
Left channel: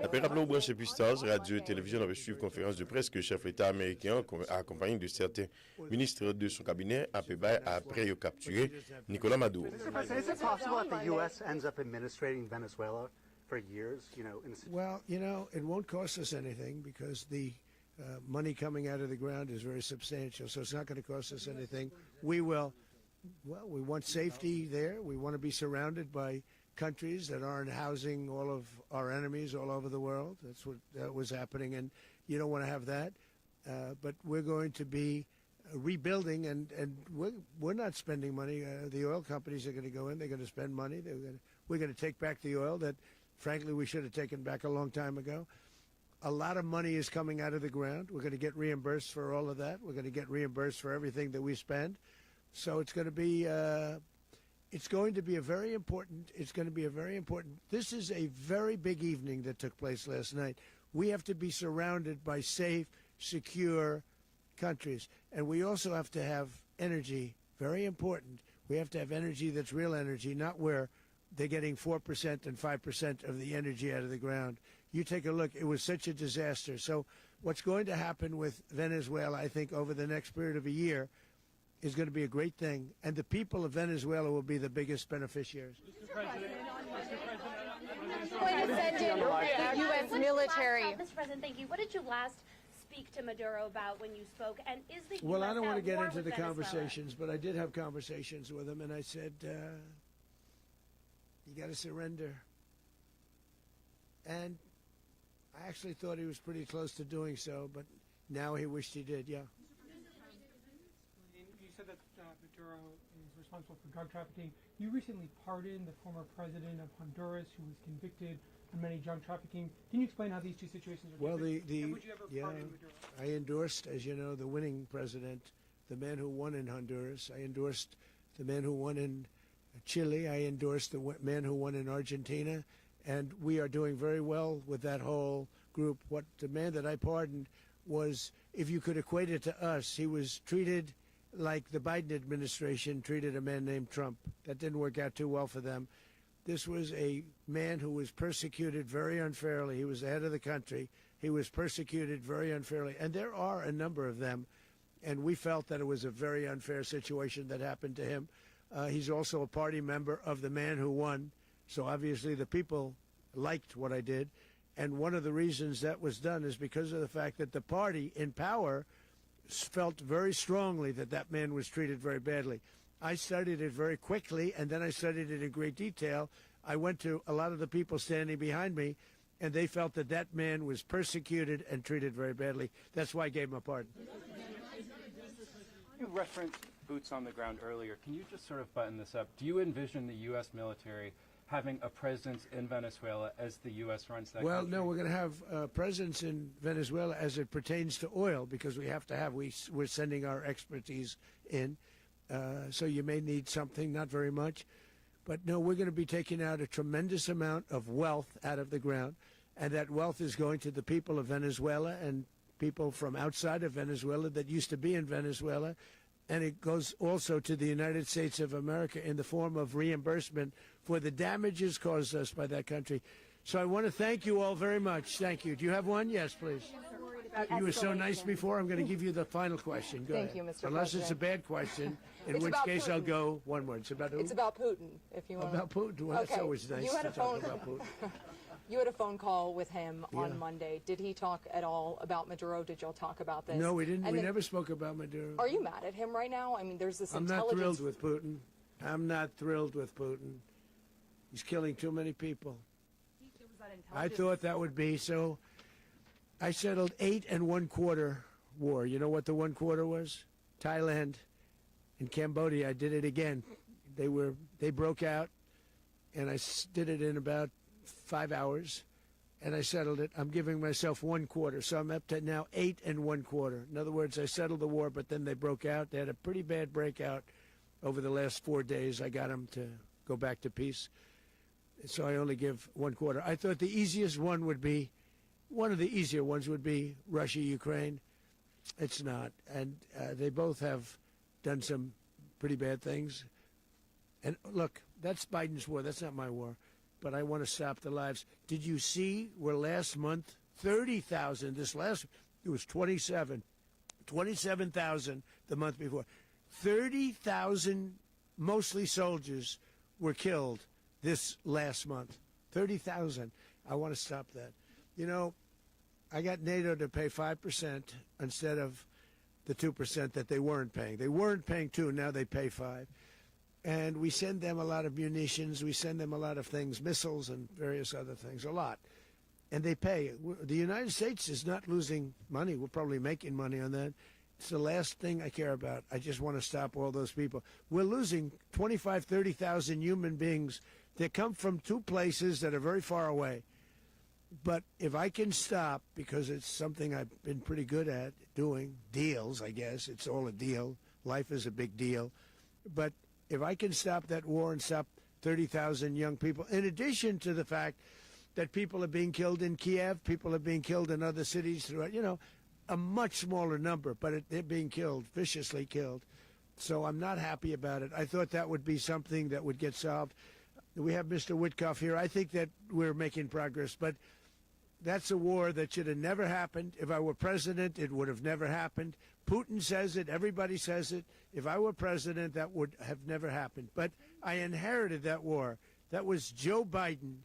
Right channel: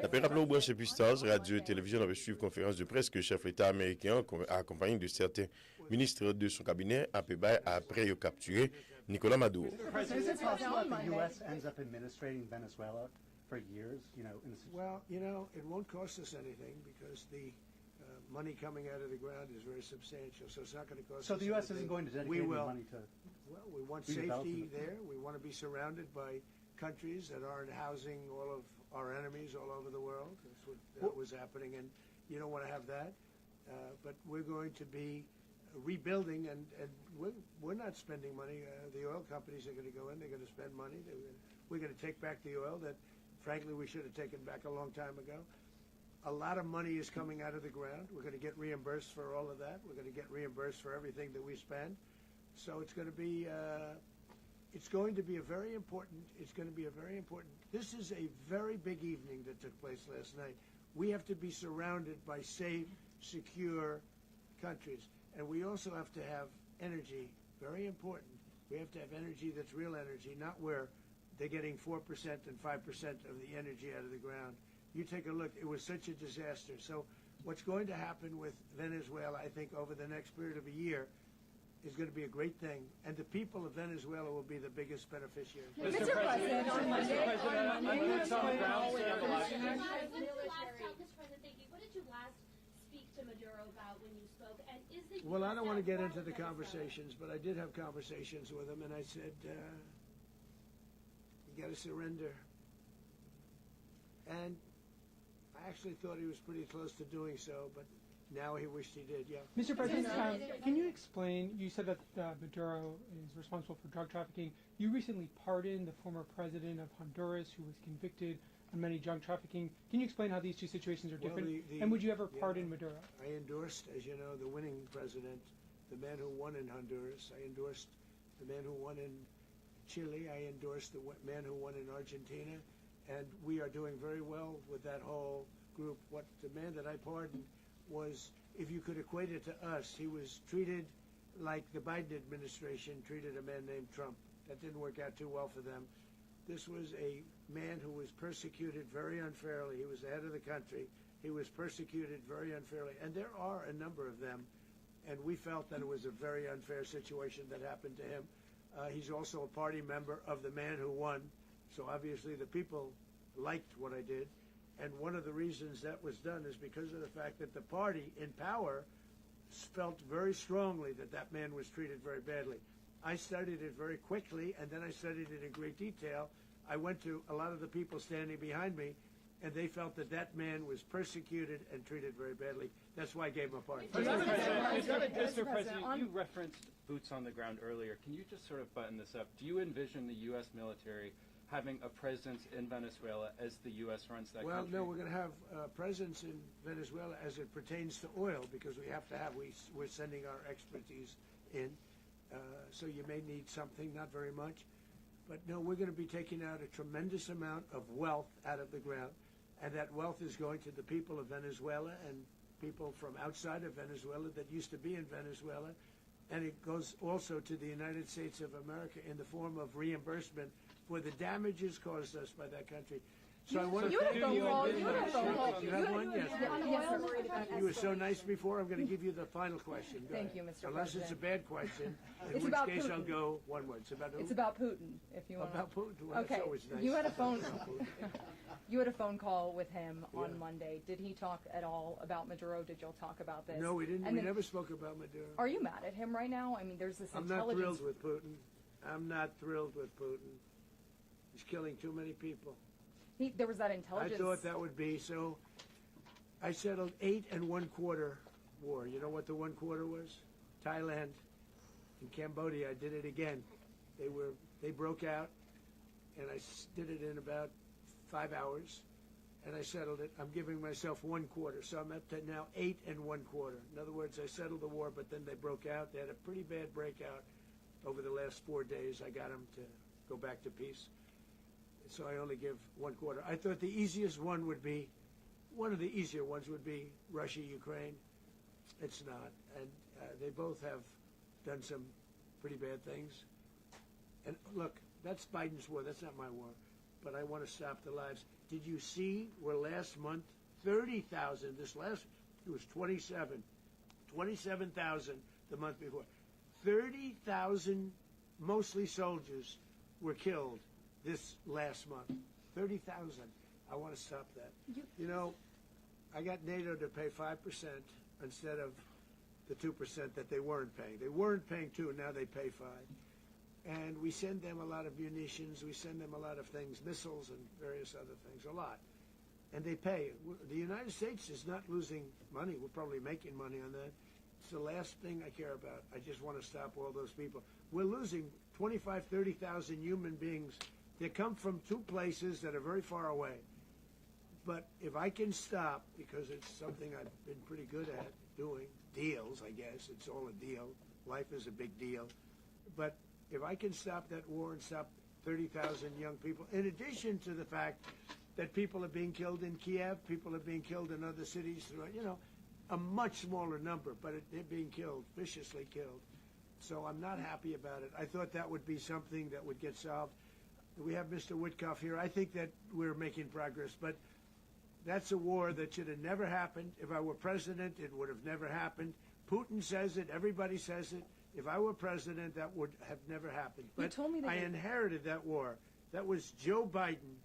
Après, rappelons branché Pistaz, radio et télévision avait suivi conférence de presse que le chef de l'État américain, accompagné de certains ministres de son cabinet, a payé après il capturé Nicolas Maduro. Is it possible that the U.S. ends up administrating Venezuela for years? Well, it won't cost us anything because the money coming out of the ground is very substantial, so it's not going to cost us anything. So the U.S. isn't going to dedicate we any will. money to... Well, we want safety there. We want to be surrounded by countries that aren't housing all of our enemies all over the world. That's what was happening, and you don't want to have that. But we're going to be rebuilding, and we're not spending money. The oil companies are going to go in. They're going to spend money. We're going to take back the oil that, frankly, we should have taken back a long time ago. A lot of money is coming out of the ground. We're going to get reimbursed for all of that. We're going to get reimbursed for everything that we spend. So it's going to be a very important. This is a very big evening that took place last night. We have to be surrounded by safe, secure countries, and we also have to have energy. Very important. We have to have energy that's real energy, not where they're getting 4% and 5% of the energy out of the ground. You take a look. It was such a disaster. So what's going to happen with Venezuela, I think, over the next period of a year is going to be a great thing. And the people of Venezuela will be the biggest beneficiaries. Mr. President, the U.S. military. Mr. President, thank you. What did you last speak to Maduro about when you spoke? And is the Well, US I don't want to at get war into with the Venezuela? conversations, but I did have conversations with him, and I said, you got to surrender. And I actually thought he was pretty close to doing so, but now he wished he did, yeah. Mr. President, can you explain, you said that Maduro is responsible for drug trafficking. You recently pardoned the former president of Honduras who was convicted on many drug trafficking. Can you explain how these two situations are different? And would you ever pardon Maduro? I endorsed, as you know, the winning president, the man who won in Honduras. I endorsed the man who won in Chile. I endorsed the man who won in Argentina. And we are doing very well with that whole group. What the man that I pardoned was, if you could equate it to us, he was treated like the Biden administration treated a man named Trump. That didn't work out too well for them. This was a man who was persecuted very unfairly. He was the head of the country. He was persecuted very unfairly. And there are a number of them. And we felt that it was a very unfair situation that happened to him. He's also a party member of the man who won. So obviously the people liked what I did. And one of the reasons that was done is because of the fact that the party in power felt very strongly that that man was treated very badly. I studied it very quickly, and then I studied it in great detail. I went to a lot of the people standing behind me, and they felt that that man was persecuted and treated very badly. That's why I gave him a pardon. Mr. President, you referenced boots on the ground earlier. Can you just sort of button this up? Do you envision the U.S. military having a presence in Venezuela as the U.S. runs that country? Well, no, we're going to have a presence in Venezuela as it pertains to oil, because we have to have, we're sending our expertise in. So you may need something, not very much. But no, we're going to be taking out a tremendous amount of wealth out of the ground, and that wealth is going to the people of Venezuela and people from outside of Venezuela that used to be in Venezuela. And it goes also to the United States of America in the form of reimbursement for the damages caused us by that country. So I want to thank you all very much. Thank you. Do you have one? Yes, please. You were so nice before. I'm going to give you the final question. Go Thank ahead. you, Mr. Unless it's a President. bad question, in It's which about case I'll Putin. go one word. It's about who? It's about Putin, if you want. About Putin. Well, Okay. that's always nice You to had a talk phone. about Putin. You had a phone call with him Yeah. on Monday. Did he talk at all about Maduro? Did y'all talk about this? No, we didn't. And We then- never spoke about Maduro. Are you mad at him right now? I mean, there's this I'm not intelligence. thrilled with Putin. I'm not thrilled with Putin. He's killing too many people. There was that I intelligence. thought that would be so. I settled 8 1/4 war. You know what the 1 quarter was? Thailand and Cambodia. I did it again. They broke out, and I did it in about 5 hours, and I settled it. I'm giving myself 1 quarter, so I'm up to now 8 1/4. In other words, I settled the war, but then they broke out. They had a pretty bad breakout over the last 4 days. I got them to go back to peace, so I only give 1 quarter. I thought the easiest one would be, one of the easier ones would be Russia, Ukraine. It's not, and they both have done some pretty bad things. And look, that's Biden's war. That's not my war. But I want to stop the lives. Did you see where last month, 30,000, it was 27,000 the month before. 30,000, mostly soldiers, were killed this last month. 30,000. I want to stop that. You know, I got NATO to pay 5% instead of the 2% that they weren't paying. They weren't paying 2, now they pay 5. And we send them a lot of munitions, we send them a lot of things, missiles and various other things, a lot. And they pay. The United States is not losing money. We're probably making money on that. It's the last thing I care about. I just want to stop all those people. We're losing 25, 30,000 human beings. They come from 2 places that are very far away. But if I can stop, because it's something I've been pretty good at doing, deals, I guess. It's all a deal. Life is a big deal. But if I can stop that war and stop 30,000 young people, in addition to the fact that people are being killed in Kiev, people are being killed in other cities throughout, you know, a much smaller number, but they're being killed, viciously killed. So I'm not happy about it. I thought that would be something that would get solved. We have Mr. Witkoff here. I think that we're making progress, but that's a war that should have never happened. If I were president, it would have never happened. Putin says it. Everybody says it. If I were president, that would have never happened. But I inherited that war. That was Joe Biden,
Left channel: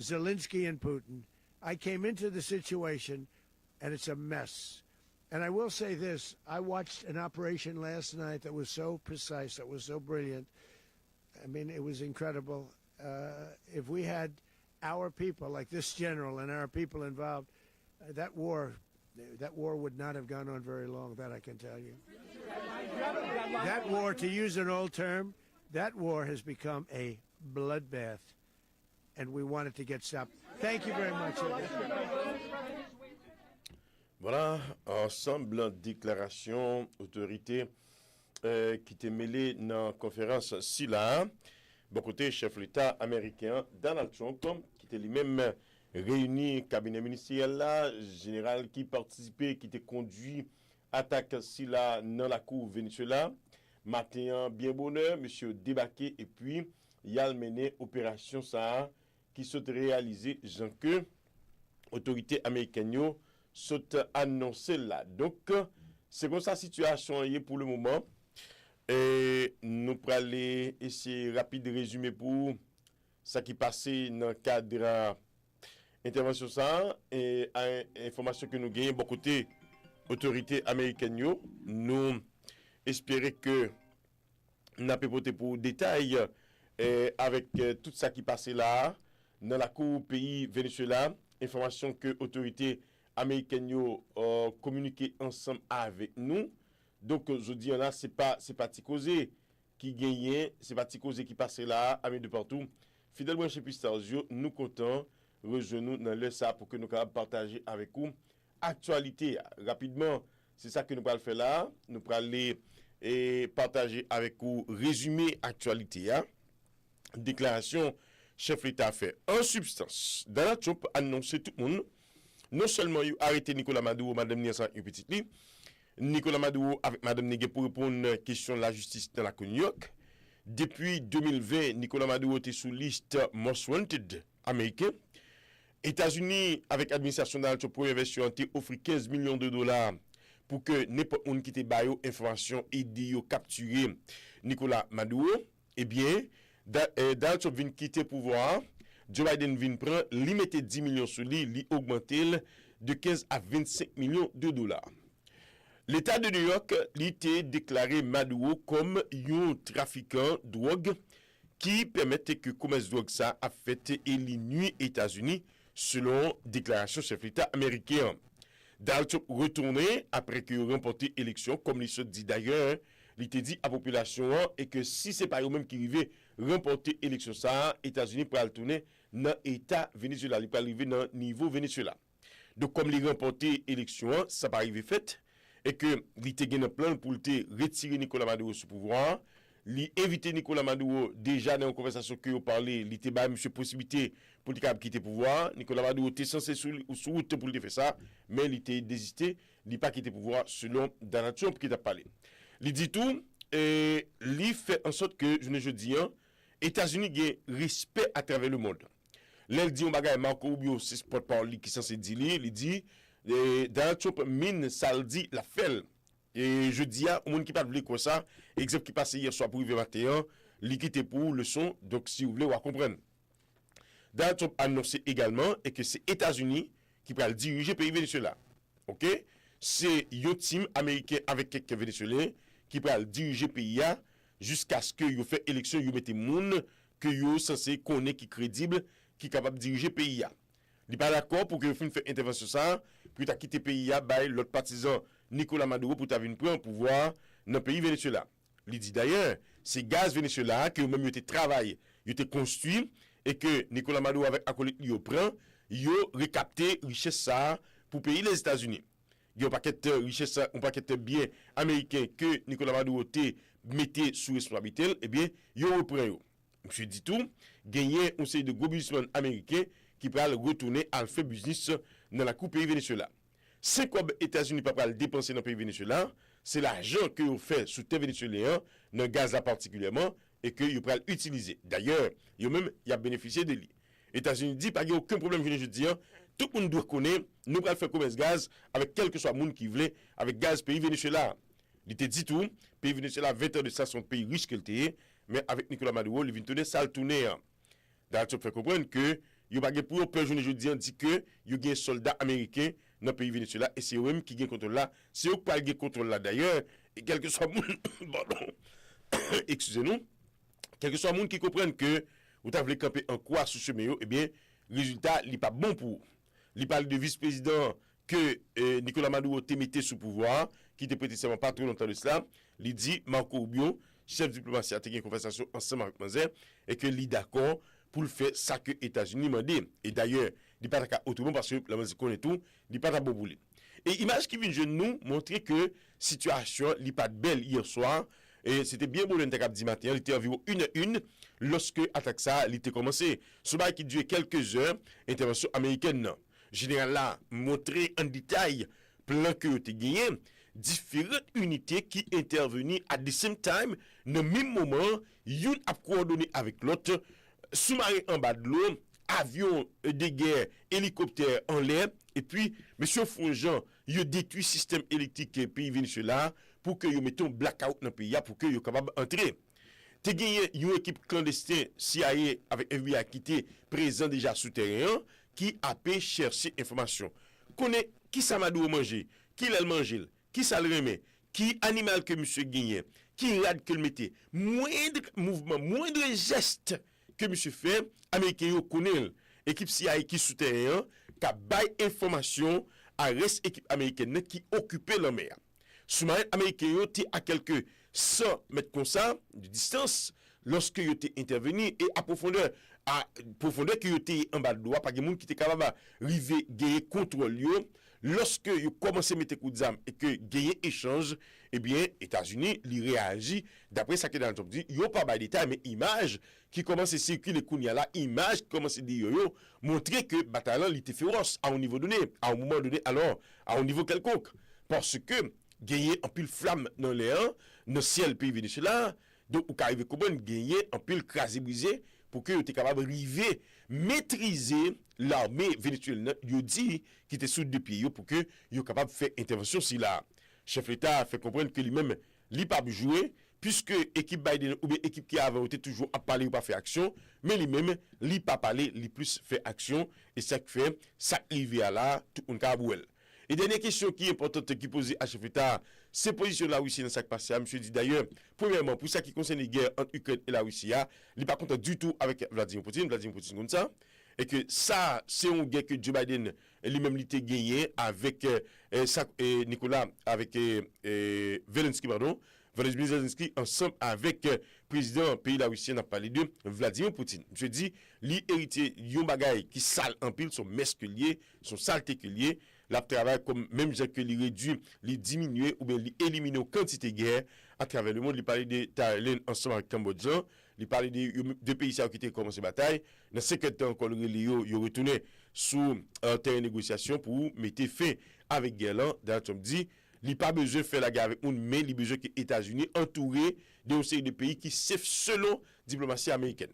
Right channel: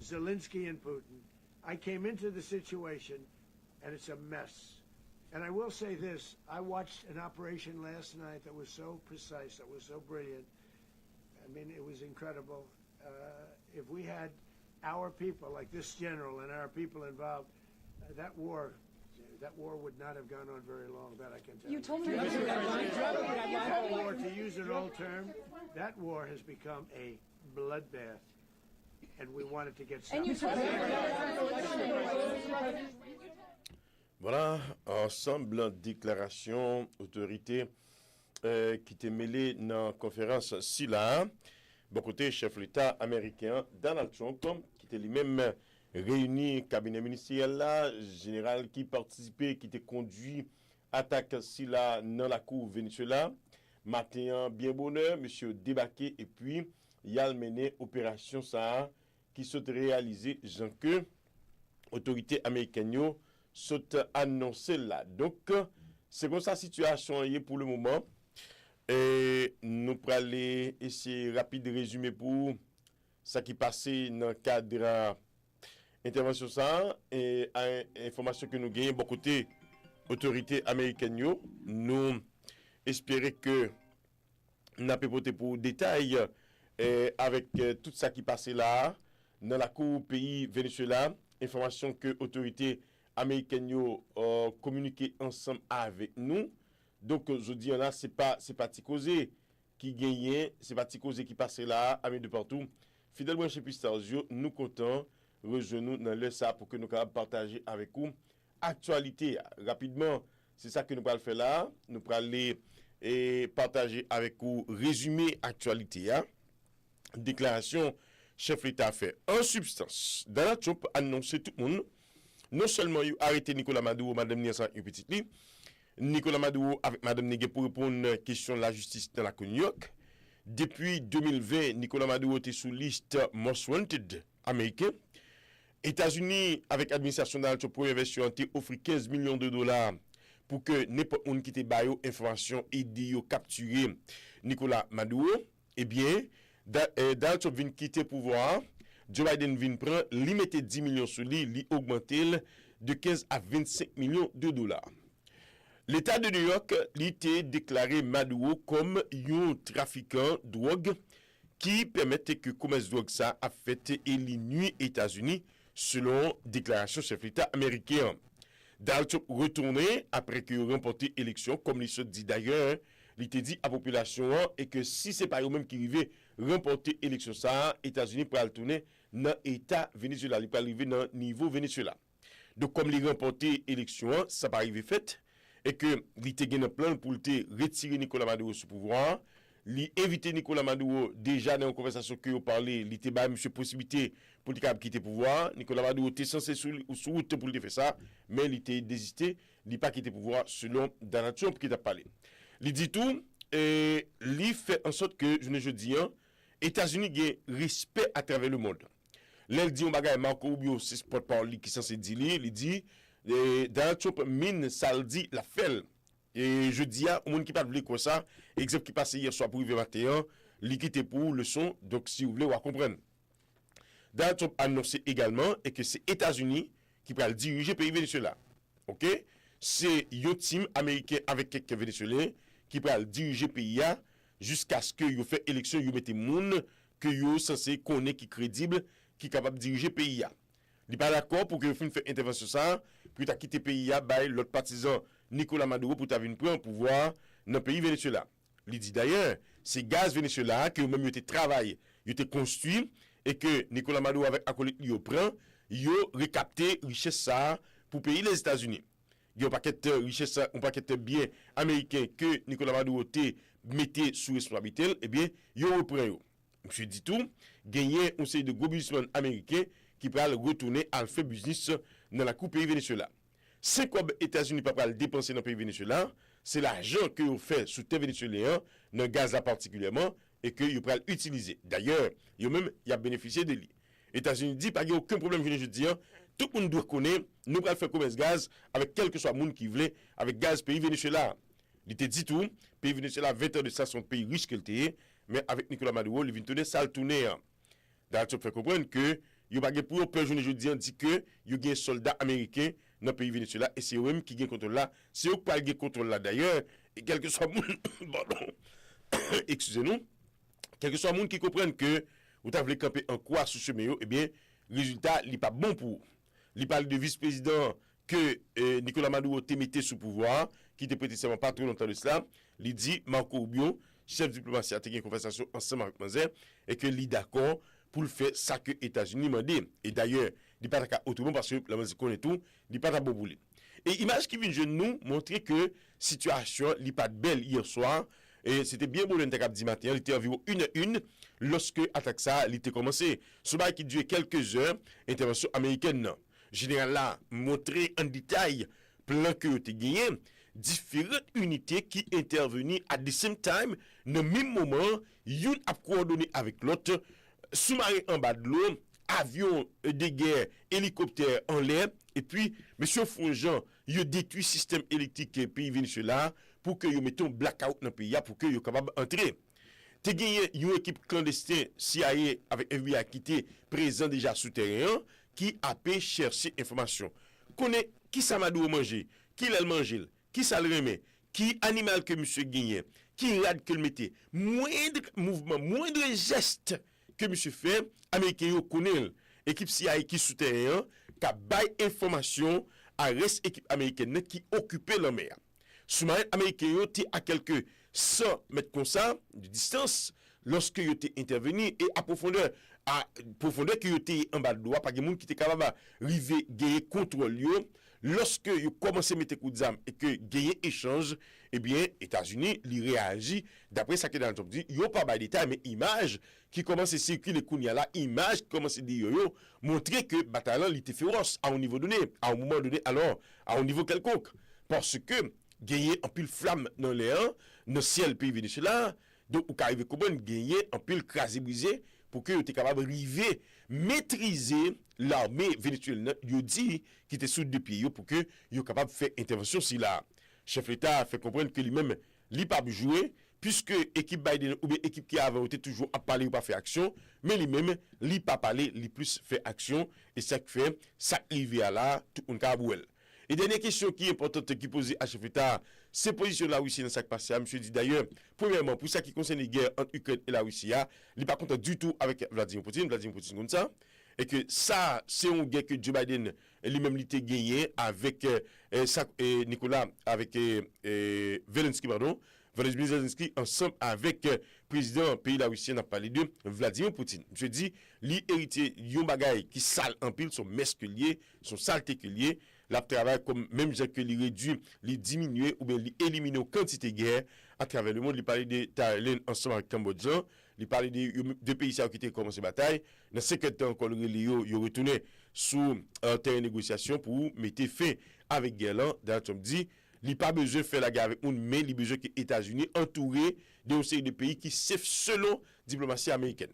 Zelensky, and Putin. I came into the situation, and it's a mess. And I will say this. I watched an operation last night that was so precise, that was so brilliant. I mean, it was incredible. If we had our people, like this general, and our people involved, that war would not have gone on very long, that I can tell you. That war, to use an old term, that war has become a bloodbath, and we want it to get stopped. Thank you very much. Voilà, ensemble déclaration autorité qui était mêlée dans la conférence SILA. Bon côté, chef l'État américain Donald Trump, qui était lui-même réuni cabinet ministériel là, général qui participait, qui était conduit attaque SILA dans la cour Venezuela. Matin, bien bonheur, monsieur débarqué et puis il a mené opération ça qui s'est réalisée, Jean que autorité américaine sont annoncé là. Donc c'est comme ça situation est pour le moment. Et nous allons aller essayer rapide résumer pour ça qui passait dans le cadre intervention ça et information que nous gagnons bon côté autorité américaine nous espérer que n'a pas porté pour détail avec tout ça qui passait là dans la cour pays Venezuela, information que autorité américaine communiquer ensemble avec nous. Donc je dis là c'est pas Ticozé qui gagnait, c'est pas Ticozé qui passait là, amis de partout. Fidèle branché Pistazio, nous comptons rejoindre nous dans le ça pour que nous capables partager avec vous actualité rapidement. C'est ça que nous allons faire là, nous allons aller et partager avec vous résumé actualité déclaration chef l'État fait. En substance, Donald Trump a annoncé tout le monde non seulement il a arrêté Nicolas Maduro, madame Nielsen une petite lit. Nicolas Maduro avec madame Nigué pour répondre à la question de la justice dans la New York. Depuis 2020, Nicolas Maduro était sous liste Most Wanted américain. États-Unis, avec l'administration Donald Trump, pour investir, offre $15 millions pour que n'importe qui qui te baille information et dit capturer Nicolas Maduro. Eh bien, Donald Trump vient quitter le pouvoir. Joe Biden vient prendre, lui mettre 10 millions sur lui, lui augmenter de 15 à 25 millions de dollars. L'État de New York a déclaré Maduro comme un trafiquant de drogue qui permettait que le commerce de drogue ça a fait et les nuits États-Unis selon déclaration chef d'État américain. Donald Trump retourné après qu'il a remporté l'élection, comme il se dit d'ailleurs, il t'a dit à la population et que si c'est pas eux-mêmes qui arrivent remporter l'élection, ça, États-Unis pour retourner dans l'État Venezuela, il peut arriver dans le niveau Venezuela. Donc, comme il a remporté l'élection, ça pas arrivé fait, et que il était gagné un plan pour retirer Nicolas Maduro sous pouvoir, il éviter Nicolas Maduro déjà dans une conversation que vous parlé, il était bah monsieur possibilité pour quitter le pouvoir. Nicolas Maduro était censé sous route pour faire ça, mais il était désisté, il n'a pas quitté le pouvoir selon Donald Trump qui a parlé. Il dit tout et il fait en sorte que je dis États-Unis ont respect à travers le monde. Là il dit on bagaille Marco Rubio c'est porte-parole qui censé dire il dit Donald Trump mine ça le dit la fait. Et je dis à au monde qui pas voulu comme ça, exemple qui passé hier soir pour arriver matin, li quitté pour leçon, donc si vous voulez on comprendre. Donald Trump a annoncé également et que c'est États-Unis qui va diriger le pays Venezuela. OK? C'est un team américain avec quelques Vénézuéliens qui va diriger le pays jusqu'à ce que yo fait élection, yo mette moun que yo censé connaître qui crédible qui capable de diriger le pays. Il pas d'accord pour que vous fait intervention ça, puis tu as quitté le pays by l'autre partisan Nicolas Maduro pour venir prendre pouvoir dans le pays Venezuela. Il dit d'ailleurs, c'est gaz Venezuela que même été travaillé, il était construit et que Nicolas Maduro avec acolyte yo prend, yo récapté richesse ça pour payer les États-Unis. Il y a un paquet de richesse, un paquet de biens américains que Nicolas Maduro mettait sous responsabilité, eh bien, yo reprend yo. Je dis tout, gagner un série de gros businessmen américains qui pourraient retourner à faire business dans la coupe pays Venezuela. C'est quoi les États-Unis ne peuvent pas le dépenser dans le pays Venezuela, c'est l'argent que vous faites sous terre vénézuélien, dans le gaz là particulièrement, et que vous pouvez l'utiliser. D'ailleurs, il y a bénéficié de lui. Les États-Unis disent pas qu'il n'y a aucun problème, je dis, tout le monde doit connaître, nous pouvons faire commerce gaz avec quel que soit le monde qui voulait, avec gaz pays Venezuela. Il te dit tout, pays Venezuela, 20 ans de ça, son pays riche qu'il était, mais avec Nicolas Maduro, il vient tourner, ça le tourner. D'ailleurs, tu peux comprendre que, il n'y a pas pour eux, je dit que, il y a un soldat américain dans le pays Venezuela, et c'est eux qui ont contrôle là. C'est eux qui ont contrôle là d'ailleurs, et quel que soit le monde, excusez-nous, quel que soit le monde qui comprenne que, vous avez camper en quoi sous ce meilleur, eh bien, résultat, il n'est pas bon pour. Il parle de vice-président que Nicolas Maduro te mettait sous pouvoir, qui était précisément pas trop longtemps de cela. Il dit, Marco Rubio, chef diplomatie, a tenu une conversation ensemble avec Manzer, et que il est d'accord pour le faire ça que les États-Unis m'ont dit. Et d'ailleurs, il n'est pas d'accord autrement parce que la musique connaît tout, il n'est pas d'accord pour bouler. Et image qui vient de nous montrer que la situation n'est pas belle hier soir. Et c'était bien beau le dit matin, il était environ 1h01 lorsque l'attaque ça était commencé. Ce bail qui durait quelques heures, intervention américaine. Général là, montrer en détail plan que tu gagné, différentes unités qui intervenaient at the same time, dans le même moment, une a coordonné avec l'autre, sous-marin en bas de l'eau, avion de guerre, hélicoptère en l'air, et puis, M. Fonjean, il détruit le système électrique pays Venezuela pour que vous mettez un blackout dans le pays, pour que vous soyez capable d'entrer. Tu as gagné une équipe clandestine CIA avec FBI qui était présent déjà souterrain, qui a pu chercher information. Connaît qui ça Maduro manger, qui l'a mangé, qui ça le remet, qui animal que monsieur gagné, qui rade que le mettait. Moindre mouvement, moindre geste que monsieur fait, américain yo connaît. Équipe CIA qui souterrain, qui a bail information à reste équipe américaine qui occupait la mer. Sous-marin américain yo était à quelques 100 mètres comme ça de distance lorsque yo était intervenu et à profondeur que yo était en bas de l'eau, pas de monde qui était capable d'arriver gagner contrôle yo. Lorsque yo commencé à mettre coup d'armes et que gagner échange, eh bien États-Unis li réagit d'après ça que dans le top dit, yo pas ba détail mais image qui commence à circuler kounya là, image qui commence à dire yo montrer que bataillon était féroce à un niveau donné, à un moment donné alors à un niveau quelconque parce que gagner en pile flamme dans l'air, dans le ciel pays Venezuela, donc ou arriver comment gagner en pile crasé brisé pour que tu es capable d'arriver maîtriser l'armée vénézuélienne, il dit qui était sous deux pieds pour que il capable de faire intervention si la chef d'État fait comprendre que lui-même il pas jouer puisque équipe Biden ou bien équipe qui avait été toujours à parler ou pas faire action, mais lui-même il pas parler, il plus fait action et ça fait ça arrive à là tout un cabouel. Et dernière question qui est importante qui posée à chef d'État, ces positions la Russie dans ce qui passe, monsieur dit d'ailleurs, premièrement, pour ça qui concerne les guerres entre Ukraine et la Russie, il n'est pas content du tout avec Vladimir Poutine comme ça. et que ça, c'est un gain que Joe Biden lui-même l'était gagné avec Nicolas, avec Zelensky, pardon, Volodymyr Zelensky, ensemble avec président pays la Russie, on a parlé de Vladimir Poutine. Je dis, li héritier yon bagay qui sale en pile, son mesque lié, son saleté que lié, la travail comme même gens que li réduit, li diminuer ou bien li éliminer quantité de guerre à travers le monde. Il parlait de Thaïlande ensemble avec Cambodge, il parlait de pays qui ont commencé la bataille. Dans 50 ans, encore, il retourné sous terrain de négociation pour mettre fin avec guerre là. Dans Trump dit, il n'a pas besoin de faire la guerre avec nous, mais il a besoin que les États-Unis entourés d'une série de pays qui sont selon diplomatie américaine.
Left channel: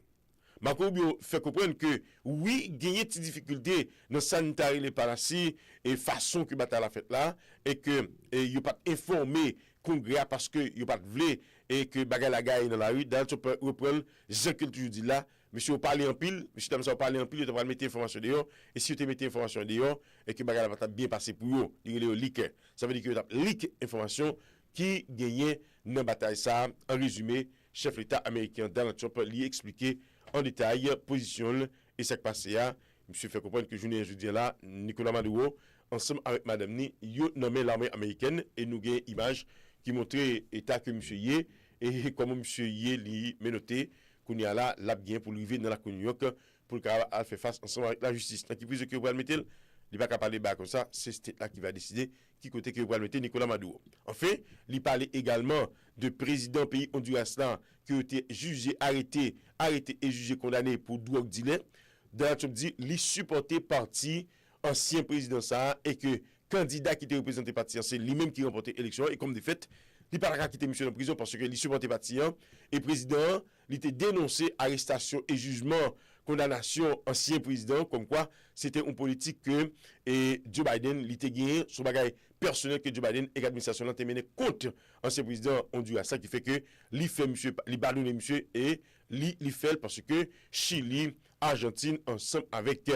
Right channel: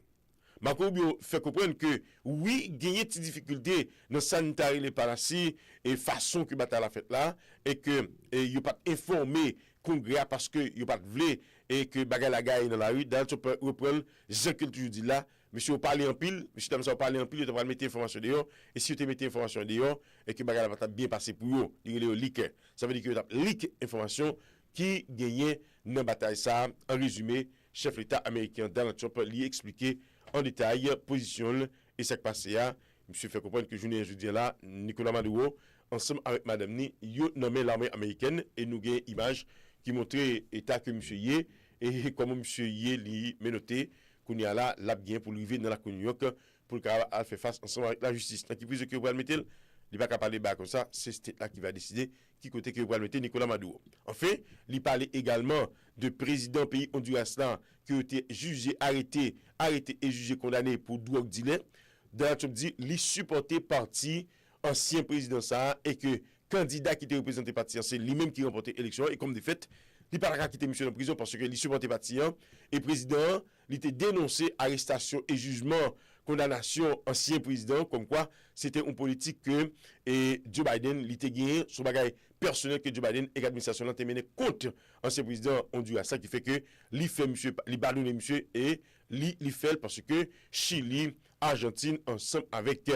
Marco Rubio fait comprendre que oui, gagner des difficultés dans le sanitaire les parasites et façon que bataille la fait là, et que il pas informé Congrès parce que il pas voulu et que bagarre la gagne dans la rue. Dans tu peux reprendre Jean que toujours dit là, monsieur parler en pile, monsieur Tam ça parler en pile, tu vas mettre information dehors et si tu mets information dehors et que bagarre va bien passer pour eux, il est leak. Ça veut dire que tu leak information qui gagnait dans bataille ça. En résumé, chef l'État américain Donald Trump lui expliqué en détail position et ce qui passé là. Monsieur fait comprendre que jeudi là Nicolas Maduro ensemble avec madame Ni yo nommé l'armée américaine et nous gagne image qui montrait état que monsieur yé et comment monsieur yé li menotté qu'on y a là l'a bien pour lui vivre dans la New York pour le faire face ensemble avec la justice. Qui prise que vous allez mettre il va pas parler bas comme ça, c'est là qui va décider qui côté que vous allez mettre Nicolas Maduro. Enfin, il parlait également de président pays Honduras là qui a été jugé, arrêté et jugé condamné pour drogue dealer. Donald Trump dit il supportait parti ancien président ça et que candidat qui était représenté parti c'est lui-même qui remportait l'élection et comme de fait il pas la quitter monsieur en prison parce que il supportait parti et président il était dénoncé arrestation et jugement condamnation ancien président comme quoi c'était une politique que Joe Biden il était gagné sur bagaille personnel que Joe Biden et l'administration a mené contre ancien président Honduras ça qui fait que il fait monsieur il pardonne monsieur et il fait parce que Chili Argentine ensemble avec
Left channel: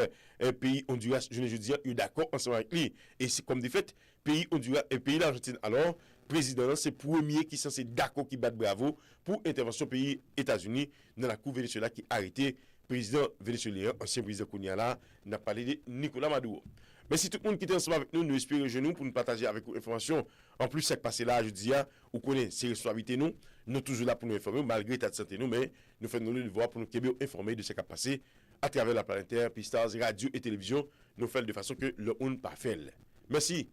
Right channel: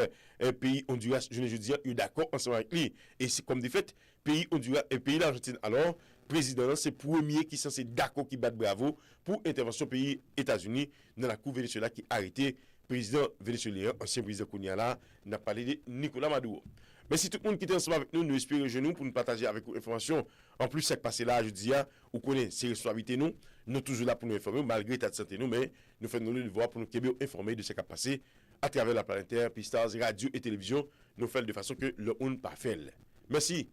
pays Honduras je dis il est d'accord ensemble avec lui et c'est comme de fait pays Honduras et pays l'Argentine alors président c'est premier qui censé d'accord qui bat bravo pour intervention pays États-Unis dans la cour Venezuela qui a arrêté président vénézuélien ancien président Kounia là n'a parlé de Nicolas Maduro. Merci tout le monde qui était ensemble avec nous, nous espérons genoux pour nous partager avec vous l'information. En plus, ce qui passé là, je dis, vous connaissez ces responsabilités nous, nous toujours là pour nous informer, malgré l'état de santé nous, mais nous faisons le devoir pour nous informer de ce qui a passé à travers la planète Terre, Pistars, radio et télévision, nous faisons de façon que le monde pas fait. Merci.